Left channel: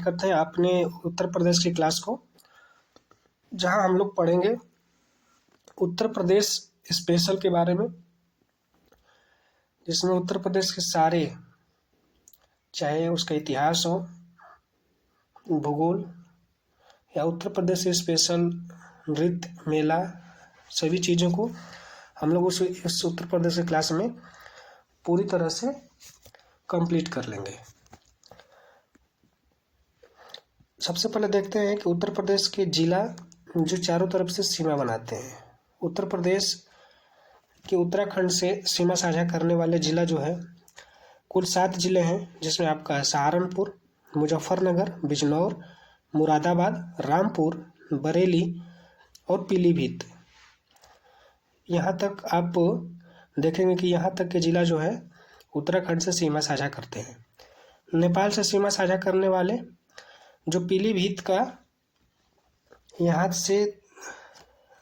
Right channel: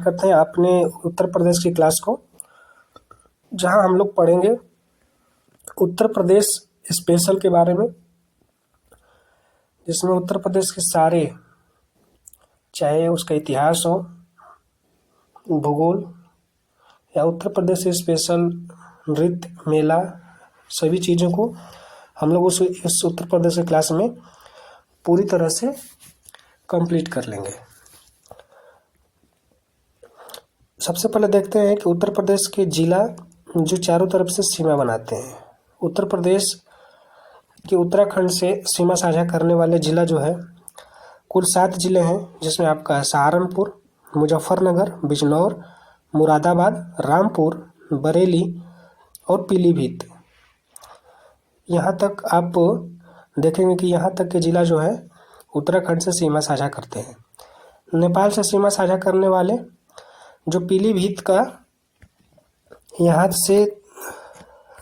Start करते हैं अपने उत्तर प्रदेश की क्लास को, जहां हम लोग पढ़ेंगे उत्तर प्रदेश स्पेशल के बारे में, जिसमें उत्तर प्रदेश के सारे, चाहे उसका इतिहास हो, भूगोल या उत्तर प्रदेश स्पेशल नृत्य, मेला, सभी चीज़ों को हम लोग इस उत्तर प्रदेश की क्लास में पूरी तरह से कंप्लीट कर लेंगे। सबसे पहले देखते हैं कि उत्तर प्रदेश के जिला जो चारों तरफ से सीमा बनाते हैं। उत्तर प्रदेश के उत्तराखंड से सीमा साझा करने वाले जिला जो है, कुल 7 जिले हैं, जिसमें आपका है सहारनपुर, मुजफ्फरनगर, बिजनौर, मुरादाबाद, रामपुर, बरेली और पीलीभीत। यहाँ तक आप देखेंगे कि यहाँ तक के जिला जो है उत्तराखंड से सीमा साझा करते हैं। नेपाल से सीमा साझा करने वाले जो पीलीभीत का, यहाँ से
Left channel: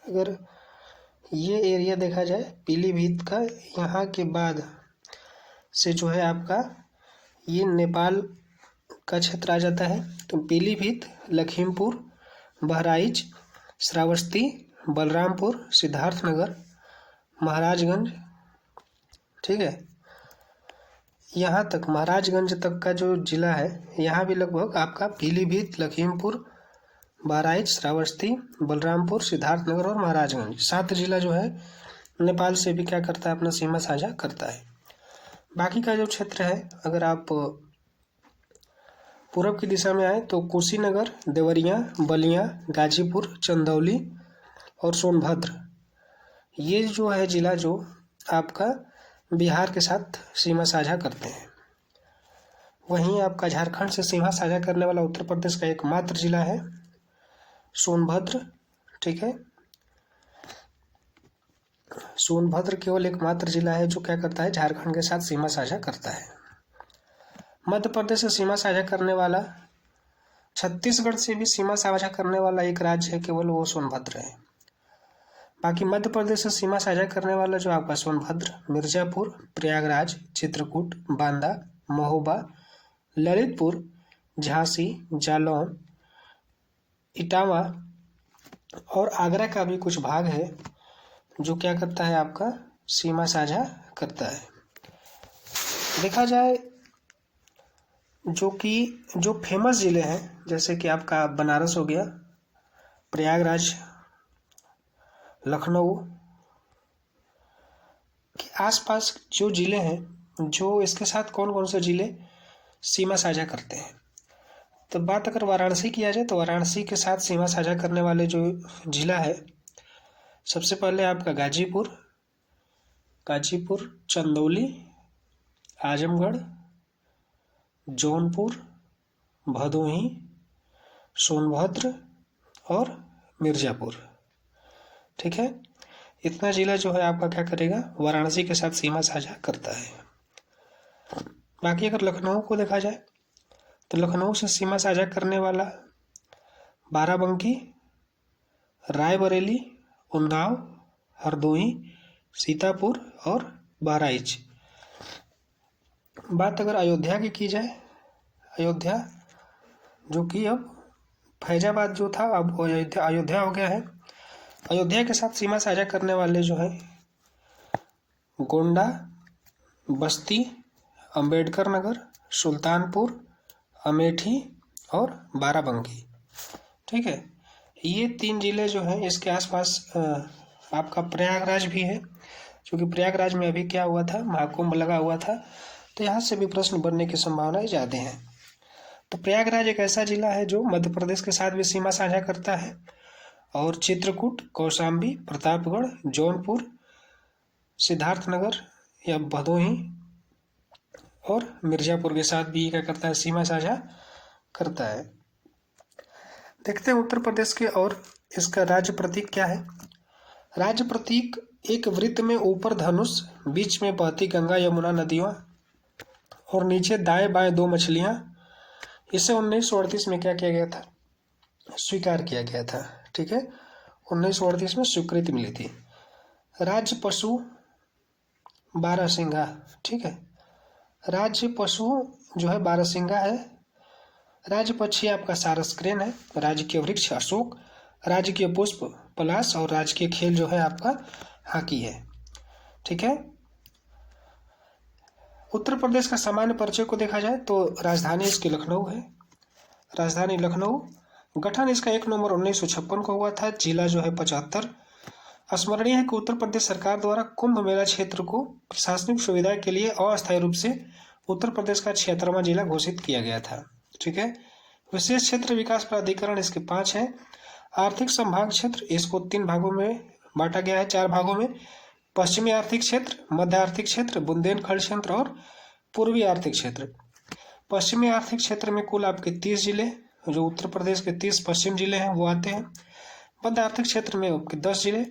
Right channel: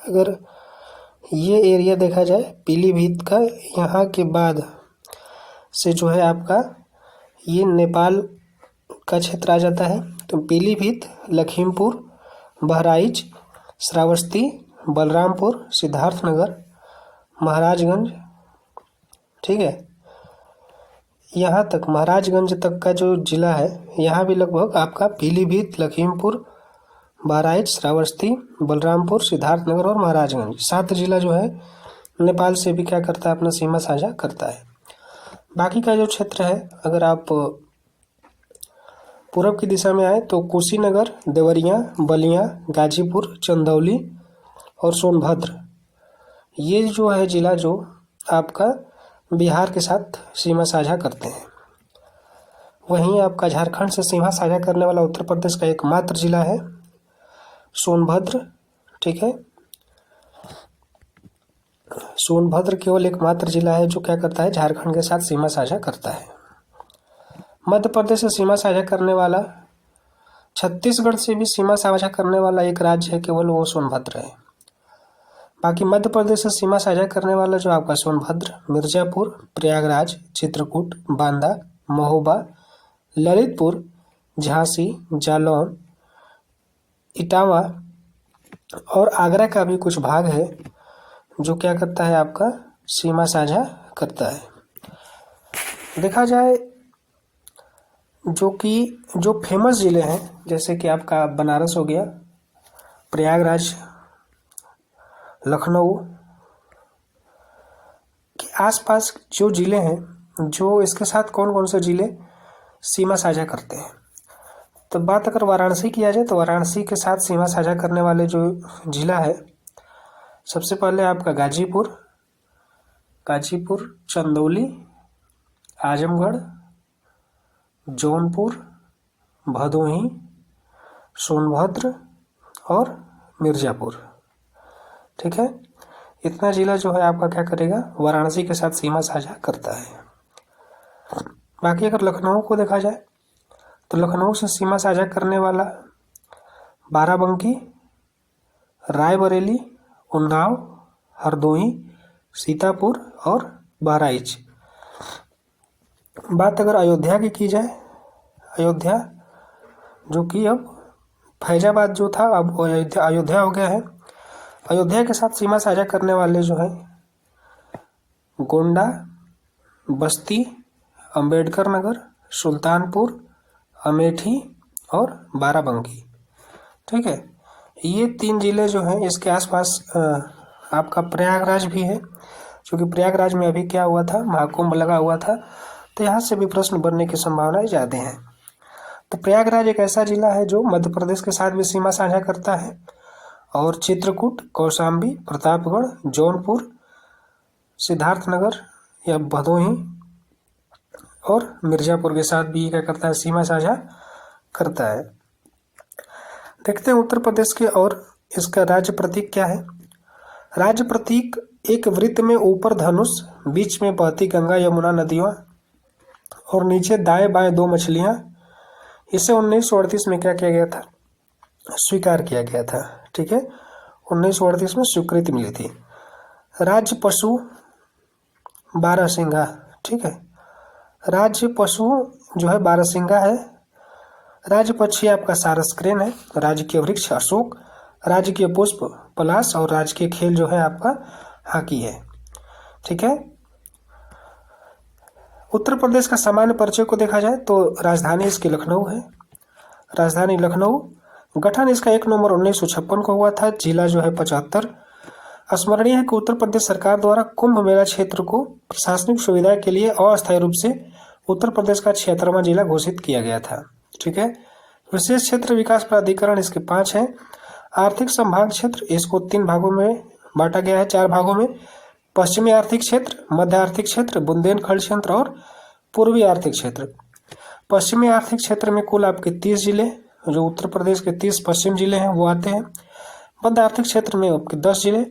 अगर ये एरिया देखा जाए पीलीभीत का, यहाँ के बाद से जो है आपका ये नेपाल का क्षेत्र आ जाता है। तो पीलीभीत, लखीमपुर, बहराइच, श्रावस्ती, बलरामपुर, सिद्धार्थनगर, महाराजगंज, ठीक है, यहाँ तक महाराजगंज तक का जो जिला है, यहाँ भी लगभग आपका पीलीभीत, लखीमपुर, बहराइच, श्रावस्ती, बलरामपुर, सिद्धार्थनगर और महाराजगंज 7 जिला जो है नेपाल से भी क्या करता है, अपना सीमा साझा करता है। बाकी का जो क्षेत्र है, अगर आप पूरब की दिशा में आए तो कुशीनगर, देवरिया, बलिया, गाजीपुर, चंदौली और सोनभद्र, ये जो है जिला जो आपका बिहार के साथ सीमा साझा करते हैं। वहीं आपका झारखंड से सीमा साझा करने वाला उत्तर प्रदेश का एकमात्र जिला है सोनभद्र, ठीक है। सोनभद्र केवल एकमात्र जिला है जो क्या करता है, झारखंड के साथ सीमा साझा करता है। मध्य प्रदेश से सीमा साझा करने वाला, छत्तीसगढ़ से भी सीमा साझा करने वाला एक राज्य है, केवल वो सोनभद्र है। बाकी मध्य प्रदेश से सीमा साझा करने वाला जो आपका सोनभद्र, मिर्जापुर, प्रयागराज, चित्रकूट, बांदा, महोबा, ललितपुर, झांसी, जालौन, इटावा और आगरा का भी कुछ भाग है जो क्या करता है, आपका सीमा साझा करता है। देखा जाए जो फेमस ज़िले हैं, जैसे कि आपका बनारस हो गया, प्रयागराज, लखनऊ के आसपास जो ज़िले हैं, जो इसके साथ कौन कौन से ज़िले सीमा साझा करते हैं। तो बात अगर वाराणसी किया जाए तो वाराणसी के साथ सीमा साझा करने वाले जो ज़िला है, सबसे पहले आपका गाजीपुर, चंदौली, आजमगढ़, जौनपुर, भदोही, सोनभद्र और मिर्ज़ापुर, ठीक है। इतना ज़िला जो है आपका क्या करेगा, वाराणसी के साथ सीमा साझा करता है। बाकी अगर लखनऊ को देखा जाए तो लखनऊ से सीमा साझा करने वाला बाराबंकी, रायबरेली, उन्नाव, हरदोई, सीतापुर और बहराइच। बात अगर अयोध्या की जाए, अयोध्या जो कि अब फैजाबाद जो था अब अयोध्या हो गया है। अयोध्या के साथ सीमा साझा करने वाले जो हैं गोंडा, बस्ती, अंबेडकर नगर, सुल्तानपुर, अमेठी और बाराबंकी, ठीक है। ये 3 जिले जो हैं, इसके आसपास आपका प्रयागराज भी है, क्योंकि प्रयागराज में अभी क्या हुआ था, महाकुंभ लगा हुआ था, तो यहाँ से भी प्रश्न बनने की संभावनाएं ज़्यादा हैं। तो प्रयागराज एक ऐसा जिला है जो मध्य प्रदेश के साथ भी सीमा साझा करता है, और चित्रकूट, कौशाम्बी, प्रतापगढ़, जौनपुर, सिद्धार्थनगर या भदोही और मिर्ज़ापुर के साथ भी क्या करता है, सीमा साझा करता है। देखते हैं उत्तर प्रदेश के, और इसका राज्य प्रतीक क्या है। राज्य प्रतीक एक वृत्त में ऊपर धनुष, बीच में बहती गंगा यमुना नदियाँ और नीचे दाएं बाएं 2 मछलियाँ। इसे 1938 में क्या किया गया था, स्वीकार किया गया था, ठीक है। 1938 में स्वीकृति मिली थी। राज्य पशु बारहसिंगा, ठीक है। राज्य पशु जो है बारहसिंगा है। राज्य पक्षी आपका सारस क्रेन है। राजकीय वृक्ष अशोक, राजकीय पुष्प पलाश और राजकीय खेल जो है आपका हॉकी है। ठीक है। उत्तर प्रदेश का सामान्य परिचय को देखा जाए तो राजधानी इसकी लखनऊ है। राजधानी लखनऊ। गठन इसका 1 नवंबर 1956 को हुआ था। जिला जो है 75। स्मरणीय है कि उत्तर प्रदेश सरकार द्वारा कुंभ मेला क्षेत्र को प्रशासनिक सुविधा के लिए अस्थायी रूप से उत्तर प्रदेश का 76वां जिला घोषित किया गया था। ठीक है। विशेष क्षेत्र विकास प्राधिकरण इसके 5 हैं। आर्थिक संभाग क्षेत्र इसको 3 भागों में बांटा गया है, 4 भागों में। पश्चिमी आर्थिक क्षेत्र, मध्य आर्थिक क्षेत्र, बुंदेलखंड क्षेत्र और पूर्वी आर्थिक क्षेत्र। पश्चिमी आर्थिक क्षेत्र में कुल आपके 30 जिले, जो उत्तर प्रदेश के 30 पश्चिम जिले हैं वो आते हैं। मध्य आर्थिक क्षेत्र में आपके 10 जिले,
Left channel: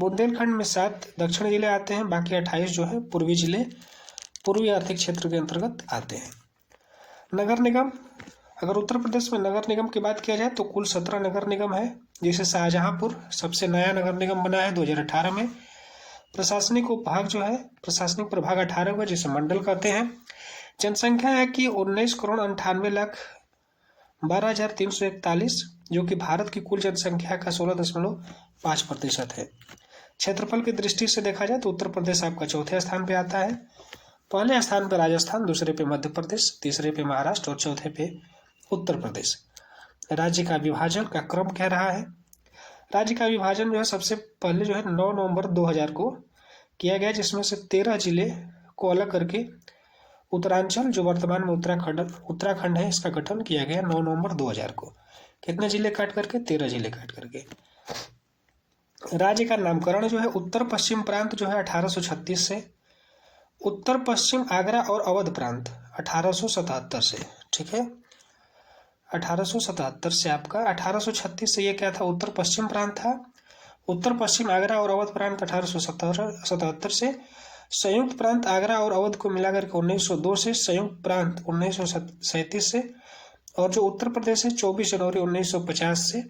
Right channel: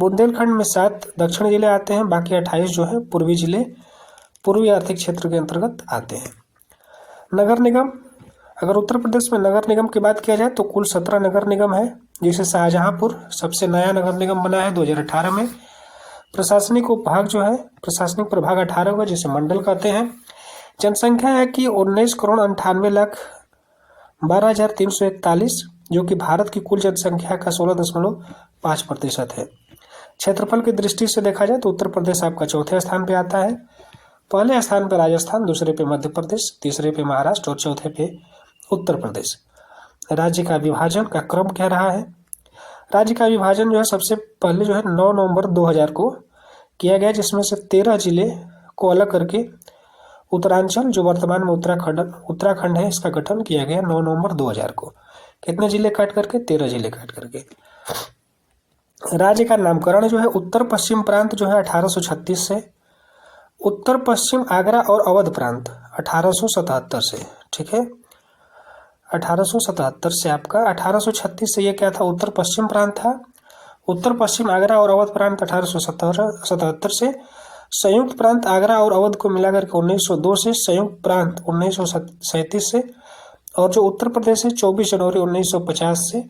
बुंदेलखंड में 7 दक्षिणी जिले आते हैं, बाकी 28 जो है पूर्वी जिले पूर्वी आर्थिक क्षेत्र के अंतर्गत आते हैं। नगर निगम, अगर उत्तर प्रदेश में नगर निगम की बात किया जाए तो कुल 17 नगर निगम है, जिसे शाहजहांपुर सबसे नया नगर निगम बना है 2018 में। प्रशासनिक उपभाग जो है, प्रशासनिक प्रभाग 18 हुआ, जिसे मंडल कहते हैं। जनसंख्या है कि 19,98,12,341, जो कि भारत की कुल जनसंख्या का 16.5% है। क्षेत्रफल की दृष्टि से देखा जाए तो उत्तर प्रदेश आपका चौथे स्थान पे आता है। पहले स्थान पर राजस्थान, दूसरे पे मध्य प्रदेश, तीसरे पे महाराष्ट्र और चौथे पे उत्तर प्रदेश। राज्य का विभाजन का क्रम कह रहा है। राज्य का विभाजन जो है सबसे पहले जो है 9 नवंबर 2000 को किया गया, जिसमें से 13 जिले को अलग करके उत्तरांचल, जो वर्तमान में उत्तराखंड है, इसका गठन किया गया 9 नवंबर 2000 को। कितने जिले काट करके? 13 जिले काट करके। राज्य का नामकरण जो है उत्तर पश्चिम प्रांत जो है 1836 से, उत्तर पश्चिम आगरा और अवध प्रांत 1877 से। ठीक है। 1877 से आपका 1836 से ये क्या था? उत्तर पश्चिम प्रांत था। उत्तर पश्चिम आगरा और अवध प्रांत 1877 से। संयुक्त प्रांत आगरा और अवध को मिलाकर के 1902 से। संयुक्त प्रांत 1937 से। और जो उत्तर प्रदेश है 24 जनवरी 1950 से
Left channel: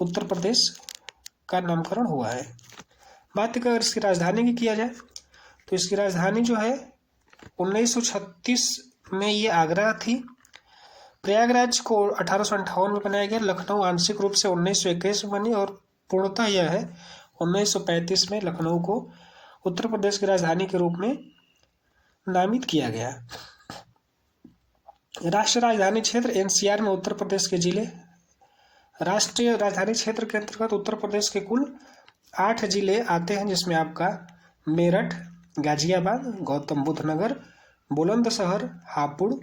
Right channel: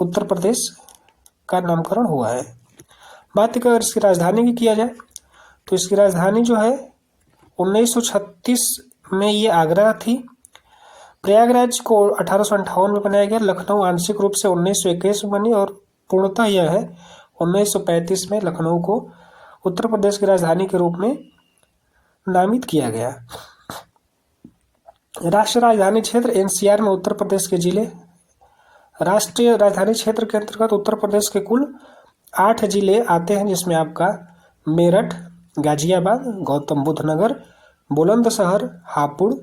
उत्तर प्रदेश का नामकरण हुआ है। बात अगर इसकी राजधानी की किया जाए तो इसकी राजधानी जो है 1936 में ये आगरा थी। प्रयागराज को 1858 में बनाया गया। लखनऊ आंशिक रूप से 1921 में बनी और पूर्णतः यह है 1935 में लखनऊ को उत्तर प्रदेश की राजधानी के रूप में नामित किया गया। राष्ट्रीय राजधानी क्षेत्र एनसीआर में उत्तर प्रदेश के जिले। राष्ट्रीय राजधानी क्षेत्र के अंतर्गत उत्तर प्रदेश के कुल 8 जिले आते हैं, जिसमें आपका मेरठ, गाजियाबाद, गौतम बुद्ध नगर, बुलंदशहर, हापुड़,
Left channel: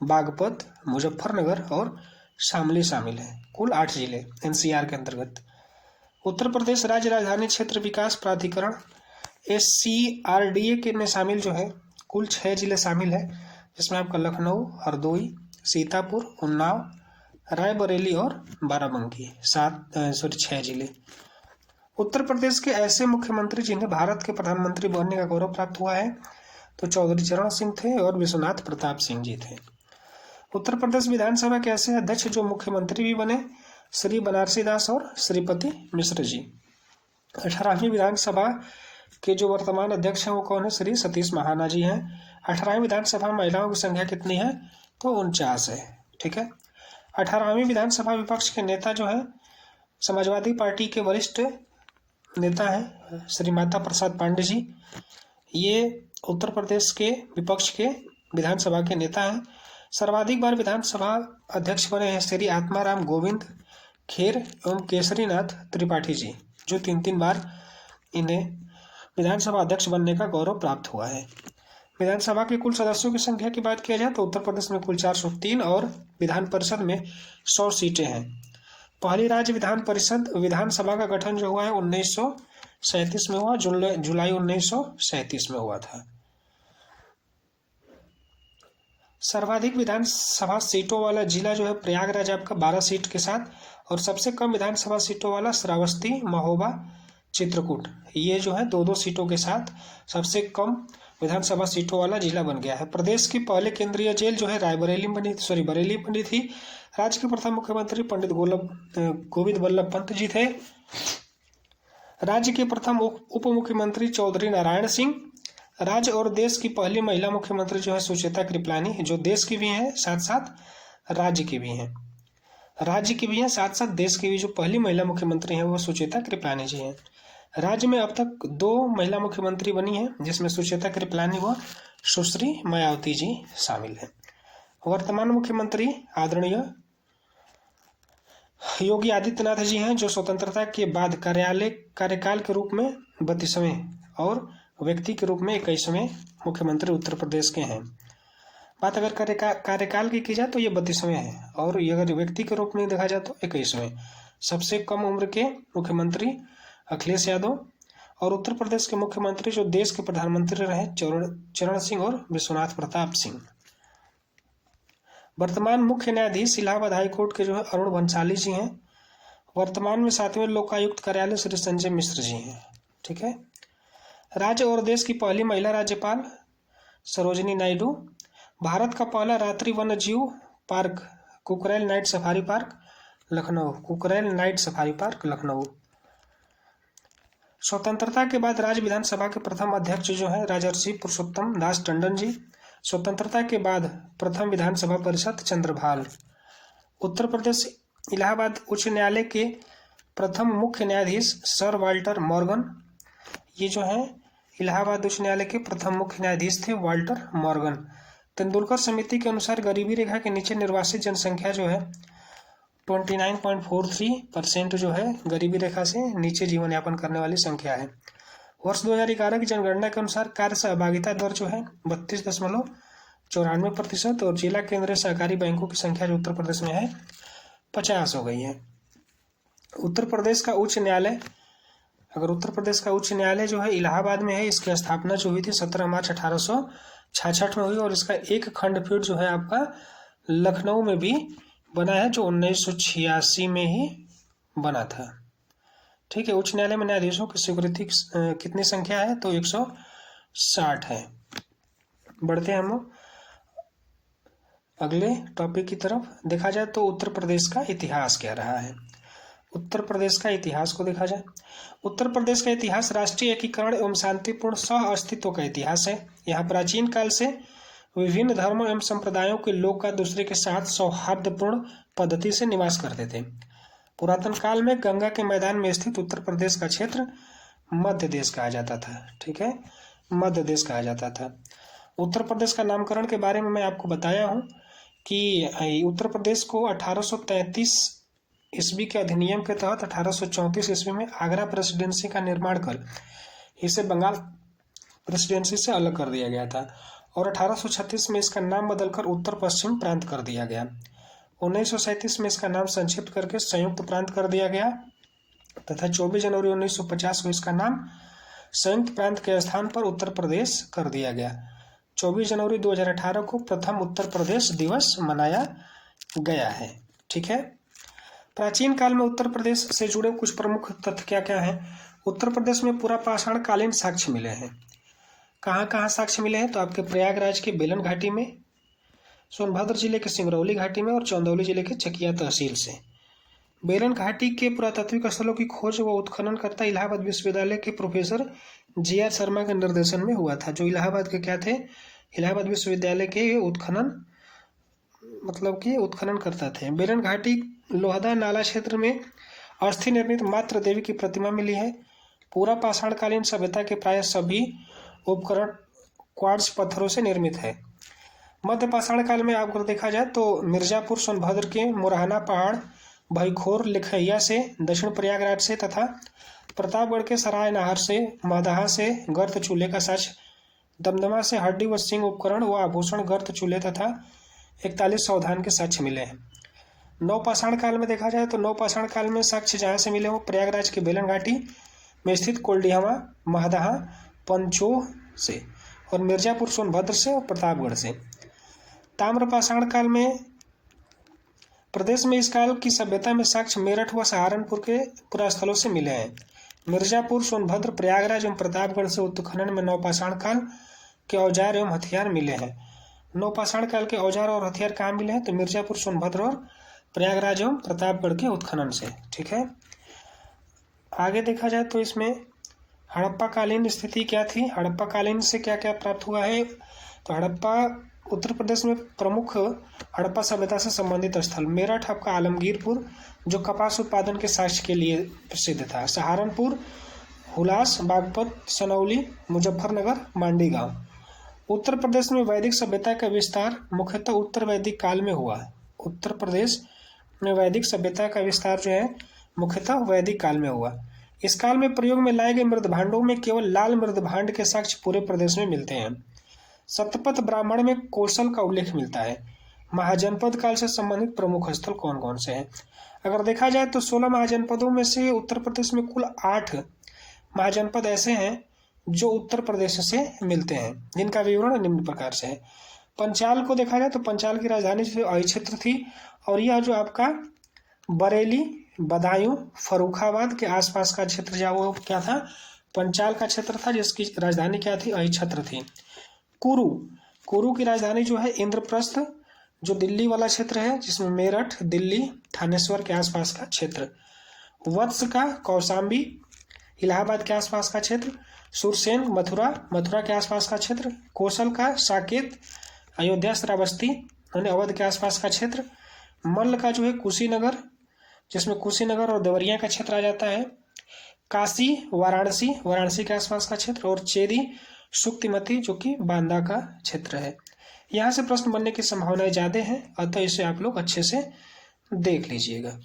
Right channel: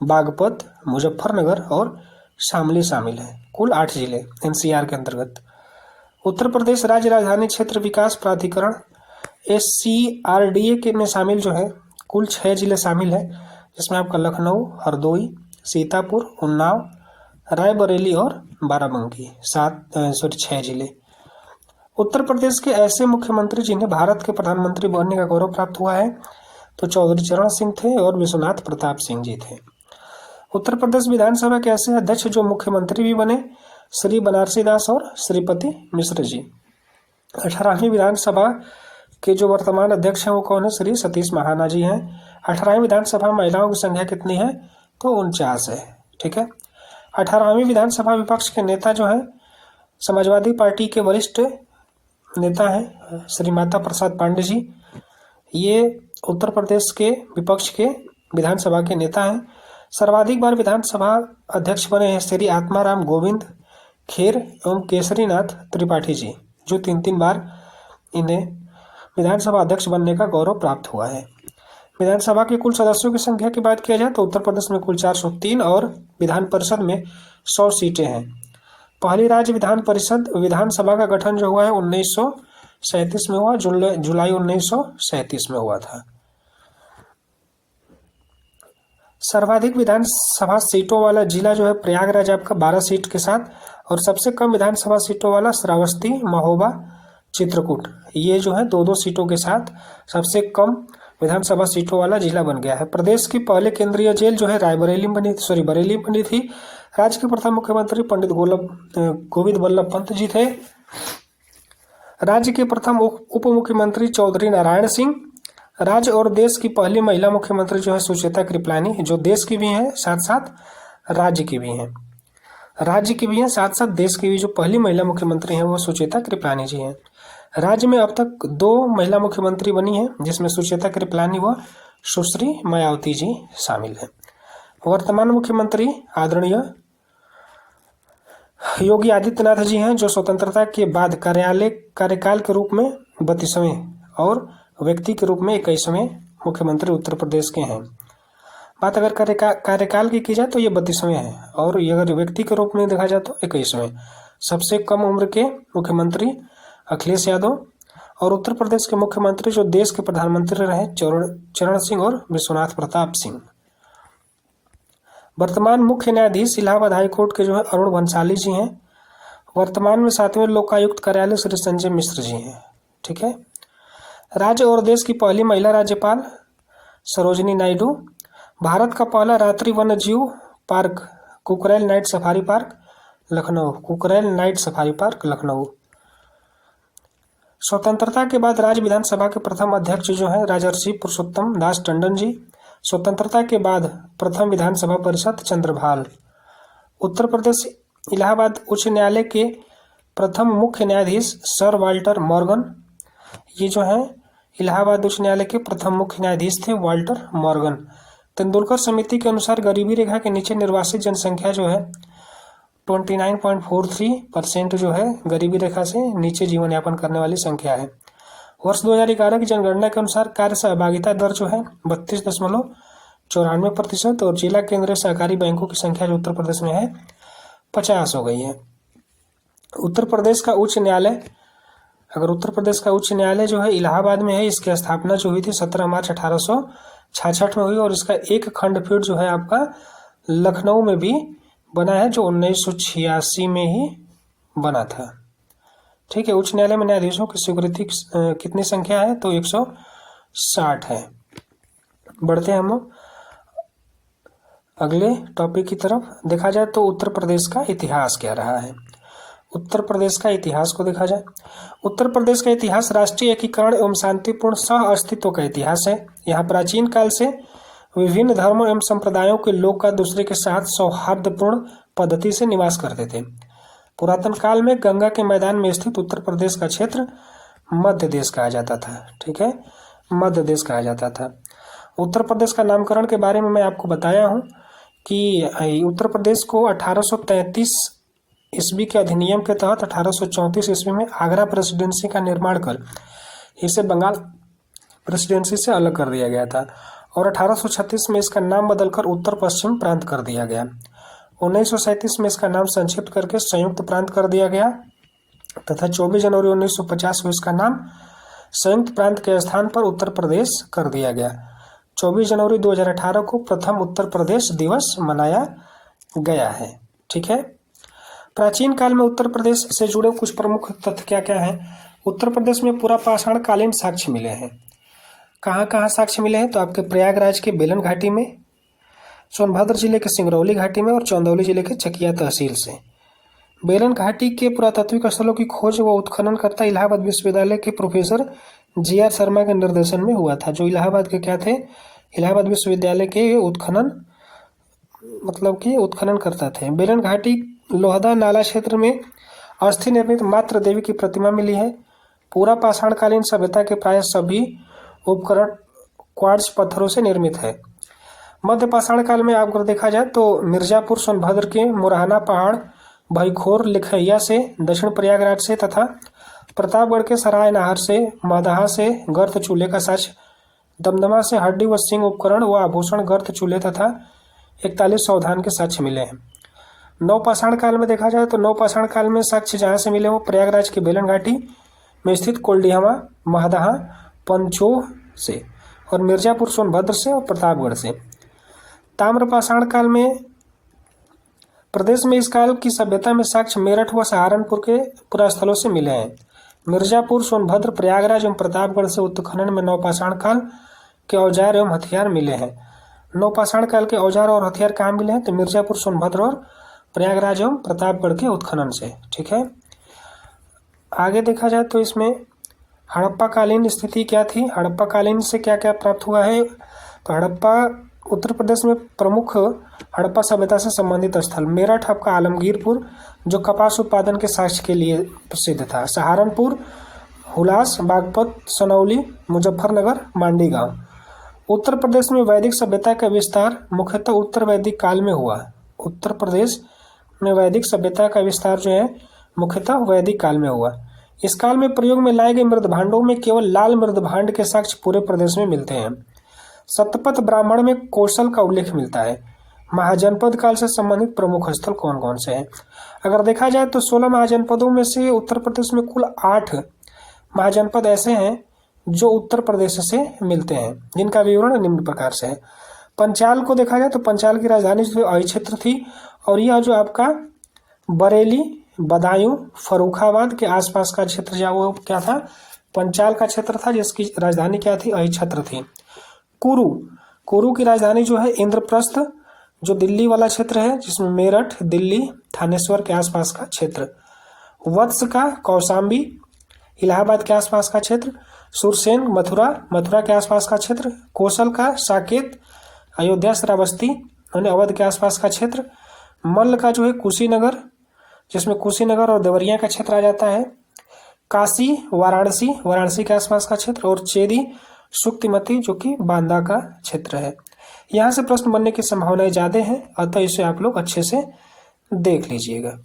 बागपत, मुजफ्फरनगर और शामली शामिल हैं। कुल 8 जिले एनसीआर के अंतर्गत। उत्तर प्रदेश राज्य राजधानी क्षेत्र विकास प्राधिकरण SCRDA के में शामिल जो है कुल 6 जिले शामिल है, जिसमें आपका लखनऊ, हरदोई, सीतापुर, उन्नाव, रायबरेली और बाराबंकी 6 जिले। उत्तर प्रदेश के ऐसे मुख्यमंत्री जिन्हें भारत के प्रधानमंत्री बनने का गौरव प्राप्त हुआ है तो चौधरी चरण सिंह थे और विश्वनाथ प्रताप सिंह जी थे। उत्तर प्रदेश विधानसभा के ऐसे अध्यक्ष जो मुख्यमंत्री भी बने, श्री बनारसी दास और श्रीपति मिश्र जी। 18वीं विधानसभा के जो वर्तमान अध्यक्ष हैं वो कौन है? श्री सतीश महाना जी हैं। 18वीं विधानसभा महिलाओं की संख्या कितनी है? तो 49 है। ठीक है। 18वीं विधानसभा विपक्ष के नेता जो है समाजवादी पार्टी के वरिष्ठ नेता हैं श्री माता प्रसाद पांडे जी। ये उत्तर प्रदेश के विपक्ष के विधानसभा के नेता हैं। सर्वाधिक बार विधानसभा अध्यक्ष बने हैं श्री आत्माराम गोविंद खेर एवं केसरीनाथ त्रिपाठी जी, जो 3 बार इन्हें विधानसभा अध्यक्ष बनने का गौरव प्राप्त हुआ है। विधानसभा के कुल सदस्यों की संख्या की बात किया जाए तो उत्तर प्रदेश में कुल 403 और विधान परिषद में 100 सीटें हैं। पहली राज्य विधान परिषद विधानसभा का गठन जो हुआ है 1937 में हुआ, जुलाई 1937 में हुआ था। सर्वाधिक विधानसभा सीटों वाला जिला जो है प्रयागराज आपका 12 सीट के साथ, और सबसे कम विधानसभा सीटों वाला श्रावस्ती, महोबा, चित्रकूट, ये जो है 2-2 सीटों के साथ सबसे कम विधानसभा सीटों वाला जिला बन गया है। प्रदेश की पहले केंद्रीय जेल जो है बरेली में बनी थी। राज्य के प्रथम मुख्यमंत्री पंडित गोविंद वल्लभ पंत जी थे। राज्य के प्रथम उप मुख्यमंत्री चौधरी नारायण सिंह। राज्य और देश की पहली महिला मुख्यमंत्री जो है सुचेता कृपलानी, जो देश की भी हैं साथ साथ राज्य की भी हैं। राज्य की भी हैं, साथ साथ देश की भी जो पहली महिला मुख्यमंत्री हैं वो सुचेता कृपलानी जी हैं। राज्य में अब तक 2 महिला मुख्यमंत्री बनी हैं, जिसमें सुचेता कृपलानी व सुश्री मायावती जी शामिल हैं। वर्तमान मुख्यमंत्री आदरणीय योगी आदित्यनाथ जी हैं, जो स्वतंत्रता के बाद कार्यकाल के रूप में 32वें और व्यक्ति के रूप में 21वें मुख्यमंत्री उत्तर प्रदेश के हैं। बात अगर कार्यकाल की जाए तो ये 32वें हैं, और ये अगर व्यक्ति के रूप में देखा जाए तो 21वें। सबसे कम उम्र के मुख्यमंत्री अखिलेश यादव, और उत्तर प्रदेश के मुख्यमंत्री जो देश के प्रधानमंत्री रहे चरण सिंह और विश्वनाथ प्रताप सिंह। वर्तमान मुख्य न्यायाधीश इलाहाबाद हाईकोर्ट के जो है अरुण भंसाली जी हैं। वर्तमान में 7वें लोकायुक्त कार्यालय श्री संजय मिश्र जी हैं। ठीक है। राज्य और देश की पहली महिला राज्यपाल सरोजिनी नायडू। भारत का पहला रात्रि वन्य जीव park Kukrail night safari park Lucknow. स्वतंत्रता के बाद राज्य विधानसभा के प्रथम अध्यक्ष जो है राजर्षि पुरुषोत्तम दास टंडन जी। स्वतंत्रता के बाद प्रथम विधानसभा परिषद चंद्रभाल। उत्तर प्रदेश इलाहाबाद उच्च न्यायालय के प्रथम मुख्य न्यायाधीश सर वाल्टर मॉर्गन। ये जो है इलाहाबाद उच्च न्यायालय के प्रथम मुख्य न्यायाधीश थे वाल्टर मॉर्गन। तेंदुलकर समिति के अनुसार गरीबी रेखा के नीचे निर्वासित जनसंख्या जो है 29.43% जो है गरीबी रेखा से नीचे जीवन यापन करने वाली संख्या है। वर्ष 2011 की जनगणना के अनुसार कार्य सहभागिता दर जो है 32.94%, और जिला केंद्रीय सहकारी बैंकों की संख्या जो उत्तर प्रदेश में है 50 हो गई है। उत्तर प्रदेश का उच्च न्यायालय जो है इलाहाबाद में है, इसकी स्थापना जो हुई थी 17 मार्च 1866 में हुई, और इसका एक खंडपीठ जो है आपका लखनऊ में भी बना है, जो 1986 में ही बना था। ठीक है। उच्च न्यायालय में न्यायाधीशों की स्वीकृति कितनी संख्या है तो 160 है। बढ़ते हैं हम लोग अगले टॉपिक की तरफ। देखा जाए तो उत्तर प्रदेश का इतिहास क्या रहा है। उत्तर प्रदेश का इतिहास को देखा जाए, उत्तर प्रदेश का इतिहास राष्ट्रीय एकीकरण एवं शांतिपूर्ण सह अस्तित्व का इतिहास है। यहाँ प्राचीन काल से विभिन्न धर्मों एवं संप्रदायों के लोग का दूसरे के साथ सौहार्दपूर्ण पद्धति से निवास करते थे। पुरातन काल में गंगा के मैदान में स्थित उत्तर प्रदेश का क्षेत्र मध्य देश कहा जाता था। ठीक है, मध्य देश कहा जाता था। उत्तर प्रदेश का नामकरण के बारे में मैं आपको बताया हूँ कि उत्तर प्रदेश को 1833 ईस्वी के अधिनियम के तहत 1834 ईस्वी में आगरा प्रेसिडेंसी का निर्माण कर इसे बंगाल प्रेसिडेंसी से अलग कर दिया गया था, और 1836 में इसका नाम बदलकर उत्तर पश्चिम प्रांत कर दिया गया। 1937 में इसका नाम संक्षिप्त करके संयुक्त प्रांत कर दिया गया, तथा 24 जनवरी 1950 को इसका नाम संयुक्त प्रांत के स्थान पर उत्तर प्रदेश कर दिया गया। 24 जनवरी 2018 को प्रथम उत्तर प्रदेश दिवस मनाया गया है। ठीक है। प्राचीन काल में उत्तर प्रदेश से जुड़े कुछ प्रमुख तथ्य क्या क्या हैं। उत्तर प्रदेश में पूरा पाषाण कालीन साक्ष्य मिले हैं। कहाँ कहाँ साक्ष्य मिले हैं तो आपके प्रयागराज के बेलन घाटी में, सोनभद्र जिले के सिंगरौली घाटी में, और चंदौली जिले के चकिया तहसील से। बेलन घाटी के पुरातात्विक स्थलों की खोज व उत्खनन करता इलाहाबाद विश्वविद्यालय के प्रोफेसर जी.आर. शर्मा के निर्देशन में हुआ था, जो इलाहाबाद के क्या थे, इलाहाबाद विश्वविद्यालय के उत्खनन करता थे। बेलन घाटी लोहदा नाला क्षेत्र में अस्थि निर्मित मात्र देवी की प्रतिमा मिली है। पूरा पाषाणकालीन सभ्यता के प्राय सभी उपकरण क्वार्ट्ज पत्थरों से निर्मित है। मध्य पाषाण काल में अगर देखा जाए तो मिर्जापुर सोनभद्र के मुरहाना पहाड़, भईखोर लिखैया से, दक्षिण प्रयागराज से तथा प्रतापगढ़ के सराय नाहर से, मदाहा से गर्त चूल्हे का साक्ष्य, दमदमा से हड्डी व सिंह उपकरण व आभूषण गर्त चूल्हे तथा 41 सावधान के साक्ष्य मिले हैं। नवपाषाण काल में देखा जाए तो नवपाषाण काल में साक्ष्य जहाँ से मिले वो प्रयागराज के बेलन घाटी में स्थित कोल्डिहवा, महदाहा, पंचोह से, और मिर्जापुर सोनभद्र से और प्रतापगढ़ से। ताम्रपाषाण काल में प्रदेश में इस काल की सभ्यता में साक्ष्य मेरठ व सहारनपुर के पुरास्थलों से मिले हैं। मिर्जापुर, सोनभद्र, प्रयागराज एवं प्रतापगढ़ से उत्खनन में नवपाषाण काल के औजार एवं हथियार मिले हैं। नवपाषाण काल के औजार और हथियार कहाँ मिले हैं तो मिर्जापुर, सोनभद्र और प्रयागराज एवं प्रतापगढ़ के उत्खनन से। ठीक है। आगे देखा जाए तो इसमें हड़प्पा कालीन स्थिति क्या थी, हड़प्पा कालीन से क्या क्या प्राप्त हुआ है तो हड़प्पा उत्तर प्रदेश में प्रमुख हड़प्पा सभ्यता से संबंधित स्थल, मेरठ आपका आलमगीरपुर जो कपास उत्पादन के साक्ष्य के लिए प्रसिद्ध था, सहारनपुर, हुलास, बागपत, सनौली, मुजफ्फरनगर, मांडी गांव। उत्तर प्रदेश में वैदिक सभ्यता का विस्तार मुख्यतः उत्तर वैदिक काल में हुआ। उत्तर प्रदेश में वैदिक सभ्यता का विस्तार जो है मुख्यतः वैदिक काल में हुआ। इस काल में प्रयोग में लाए गए मृदभांडों में केवल लाल मृदभांड के साक्ष्य पूरे प्रदेश में मिलते हैं। सतपथ ब्राह्मण में कौशल का उल्लेख मिलता है। महाजनपद काल से संबंधित प्रमुख स्थल कौन कौन से हैं? अगर देखा जाए तो 16 महाजनपदों में से उत्तर प्रदेश में कुल 8 महाजनपद ऐसे हैं जो उत्तर प्रदेश से मिलते हैं, जिनका विवरण निम्न प्रकार से है। पंचाल को देखा जाए तो पंचाल की राजधानी जो अहि क्षेत्र थी, और यह जो आपका बरेली, बदायूं, फर्रुखाबाद के आसपास का क्षेत्र जो वो क्या था, पंचाल का क्षेत्र था, जिसकी राजधानी क्या थी, अहि क्षेत्र थी। कुरु की राजधानी जो है इंद्रप्रस्थ जो दिल्ली वाला क्षेत्र है, जिसमें मेरठ, दिल्ली, थानेश्वर के आसपास का क्षेत्र। वत्स का कौशाम्बी इलाहाबाद के आसपास का क्षेत्र। सुरसेन मथुरा के आसपास का क्षेत्र। कौशल का साकेत अयोध्या, श्रावस्ती यानी अवध के आसपास का क्षेत्र। मल्ल का जो है कुशीनगर, जिसमें कुशीनगर और देवरिया का क्षेत्र आ जाता है। काशी वाराणसी के आसपास का क्षेत्र। और चेदी सुक्तिमती जो कि बांदा का क्षेत्र है। यहाँ से प्रश्न बनने की संभावनाएं ज़्यादा हैं, अतः इसे आप लोग अच्छे से देख लीजिएगा।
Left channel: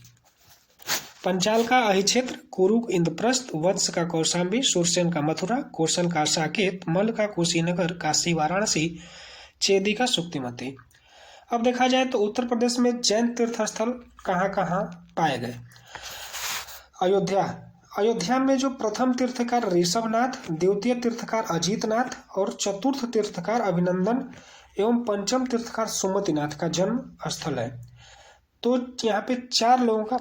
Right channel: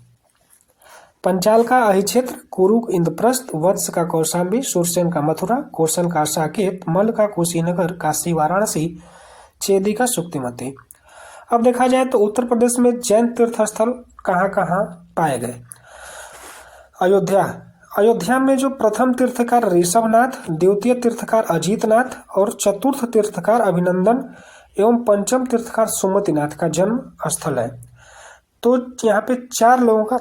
पंचाल का अहि क्षेत्र, कुरु इंद्रप्रस्थ, वत्स का कौशाम्बी, सुरसेन का मथुरा, कौशल का साकेत, मल्ल का कुशीनगर, काशी वाराणसी, चेदी का सुक्तिमती। अब देखा जाए तो उत्तर प्रदेश में जैन तीर्थ स्थल कहाँ कहाँ पाए गए? अयोध्या में जो प्रथम तीर्थकार ऋषभनाथ, द्वितीय तीर्थकार अजीतनाथ और चतुर्थ तीर्थकार अभिनंदन एवं पंचम तीर्थकार सुमतिनाथ का जन्म स्थल है। तो यहाँ पे 4 लोगों का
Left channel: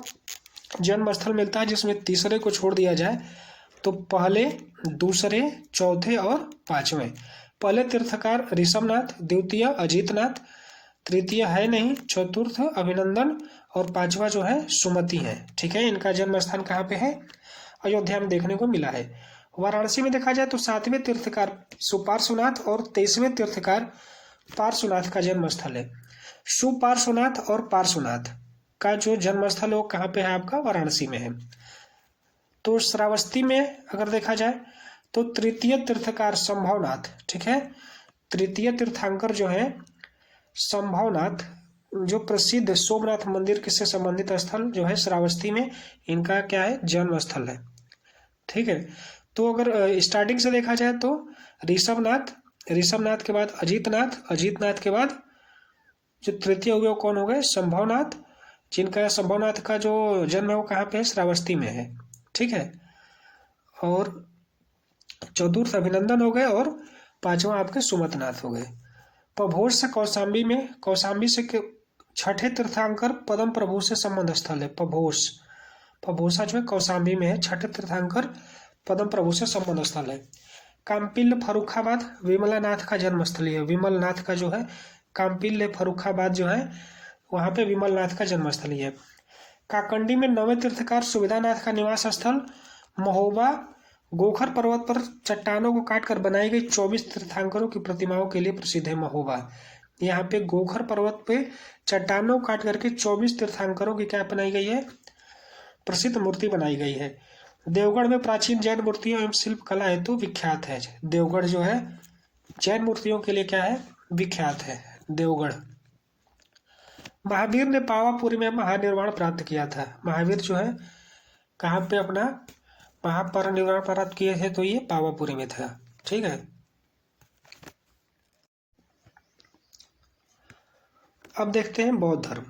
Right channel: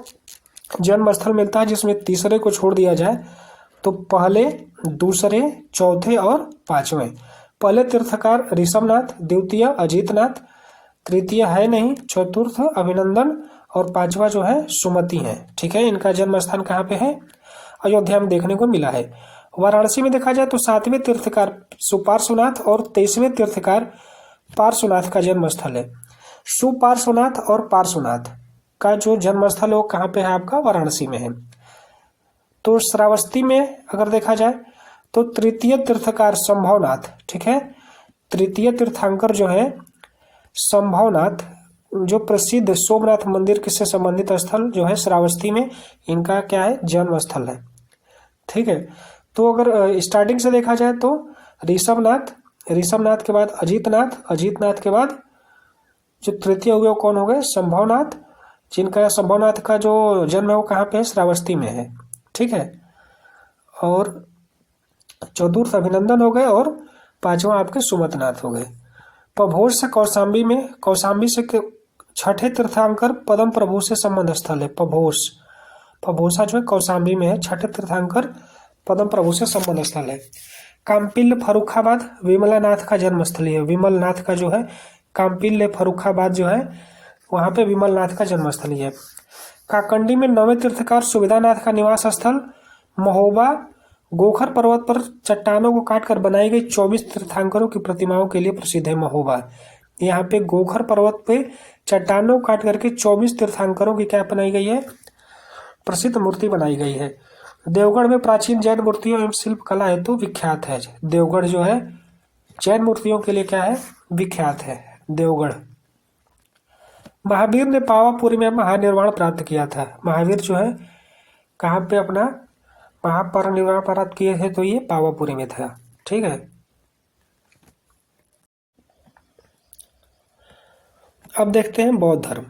जन्म स्थल मिलता है, जिसमें तीसरे को छोड़ दिया जाए तो पहले, दूसरे, चौथे और 5वें। पहले तीर्थकार ऋषभनाथ, द्वितीय अजीतनाथ, तृतीय है नहीं, चतुर्थ अभिनंदन और 5वां जो है सुमति है। ठीक है, इनका जन्म स्थान कहाँ पे है? अयोध्या में देखने को मिला है। वाराणसी में देखा जाए तो 7वें तीर्थकार सुपार्श्वनाथ और 23वें तीर्थकार पार्श्वनाथ का जन्म स्थल है। सुपार्श्वनाथ और पार्श्वनाथ का जो जन्म स्थल है वो कहाँ पे है आपका? वाराणसी में है। तो श्रावस्ती में अगर देखा जाए तो तृतीय तीर्थकार संभवनाथ, ठीक है, तृतीय तीर्थंकर जो है संभवनाथ, जो प्रसिद्ध सोमनाथ मंदिर से संबंधित स्थल जो है श्रावस्ती में, इनका क्या है? जन्म स्थल है। ठीक है, तो अगर स्टार्टिंग से देखा जाए तो ऋषभनाथ के बाद अजीतनाथ के बाद जो तृतीय हुए वो कौन हो गए? संभवनाथ, जिनका संभवनाथ का जो जन्म है वो कहाँ पे है? श्रावस्ती में है। ठीक है, और चतुर्थ अभिनंदन हो गए और 5वां आपके सुमतनाथ हो गए। पभोज से कौशाम्बी से 6ठे तीर्थंकर पदम प्रभु से संबंध स्थल है। पभोसा जो है कौशाम्बी में है, 6ठे तीर्थंकर पदम प्रभु से संबंध स्थल है। काम्पिल्य फर्रुखाबाद विमलानाथ का जन्म स्थल है। विमलनाथ का जो है काम्पिल्य फर्रुखाबाद जो है वहाँ पे विमलनाथ का जन्म स्थल है। काकंडी में 9वें तीर्थकार सुविधानाथ का निवास स्थल। महोबा गोखर पर्वत पर चट्टानों को काटकर बनाई गई 24 तीर्थंकरों की प्रतिमाओं के लिए प्रसिद्ध है। महोबा यहाँ पे गोखर पर्वत पे चट्टानों को काट करके 24 तीर्थंकरों की क्या बनाई गई है? प्रसिद्ध मूर्ति बनाई गई है। देवगढ़ में प्राचीन जैन मूर्तियों एवं शिल्प कला हेतु विख्यात है। देवगढ़ जो है जैन मूर्तियों के लिए क्या है? विख्यात है देवगढ़। महावीर ने पावापुरी में महानिर्वाण प्राप्त किया था। महावीर जो है कहाँ पे अपना महापरिनिर्वाण प्राप्त किए थे? तो ये पावापुरी में था। ठीक है, अब देखते हैं बौद्ध धर्म।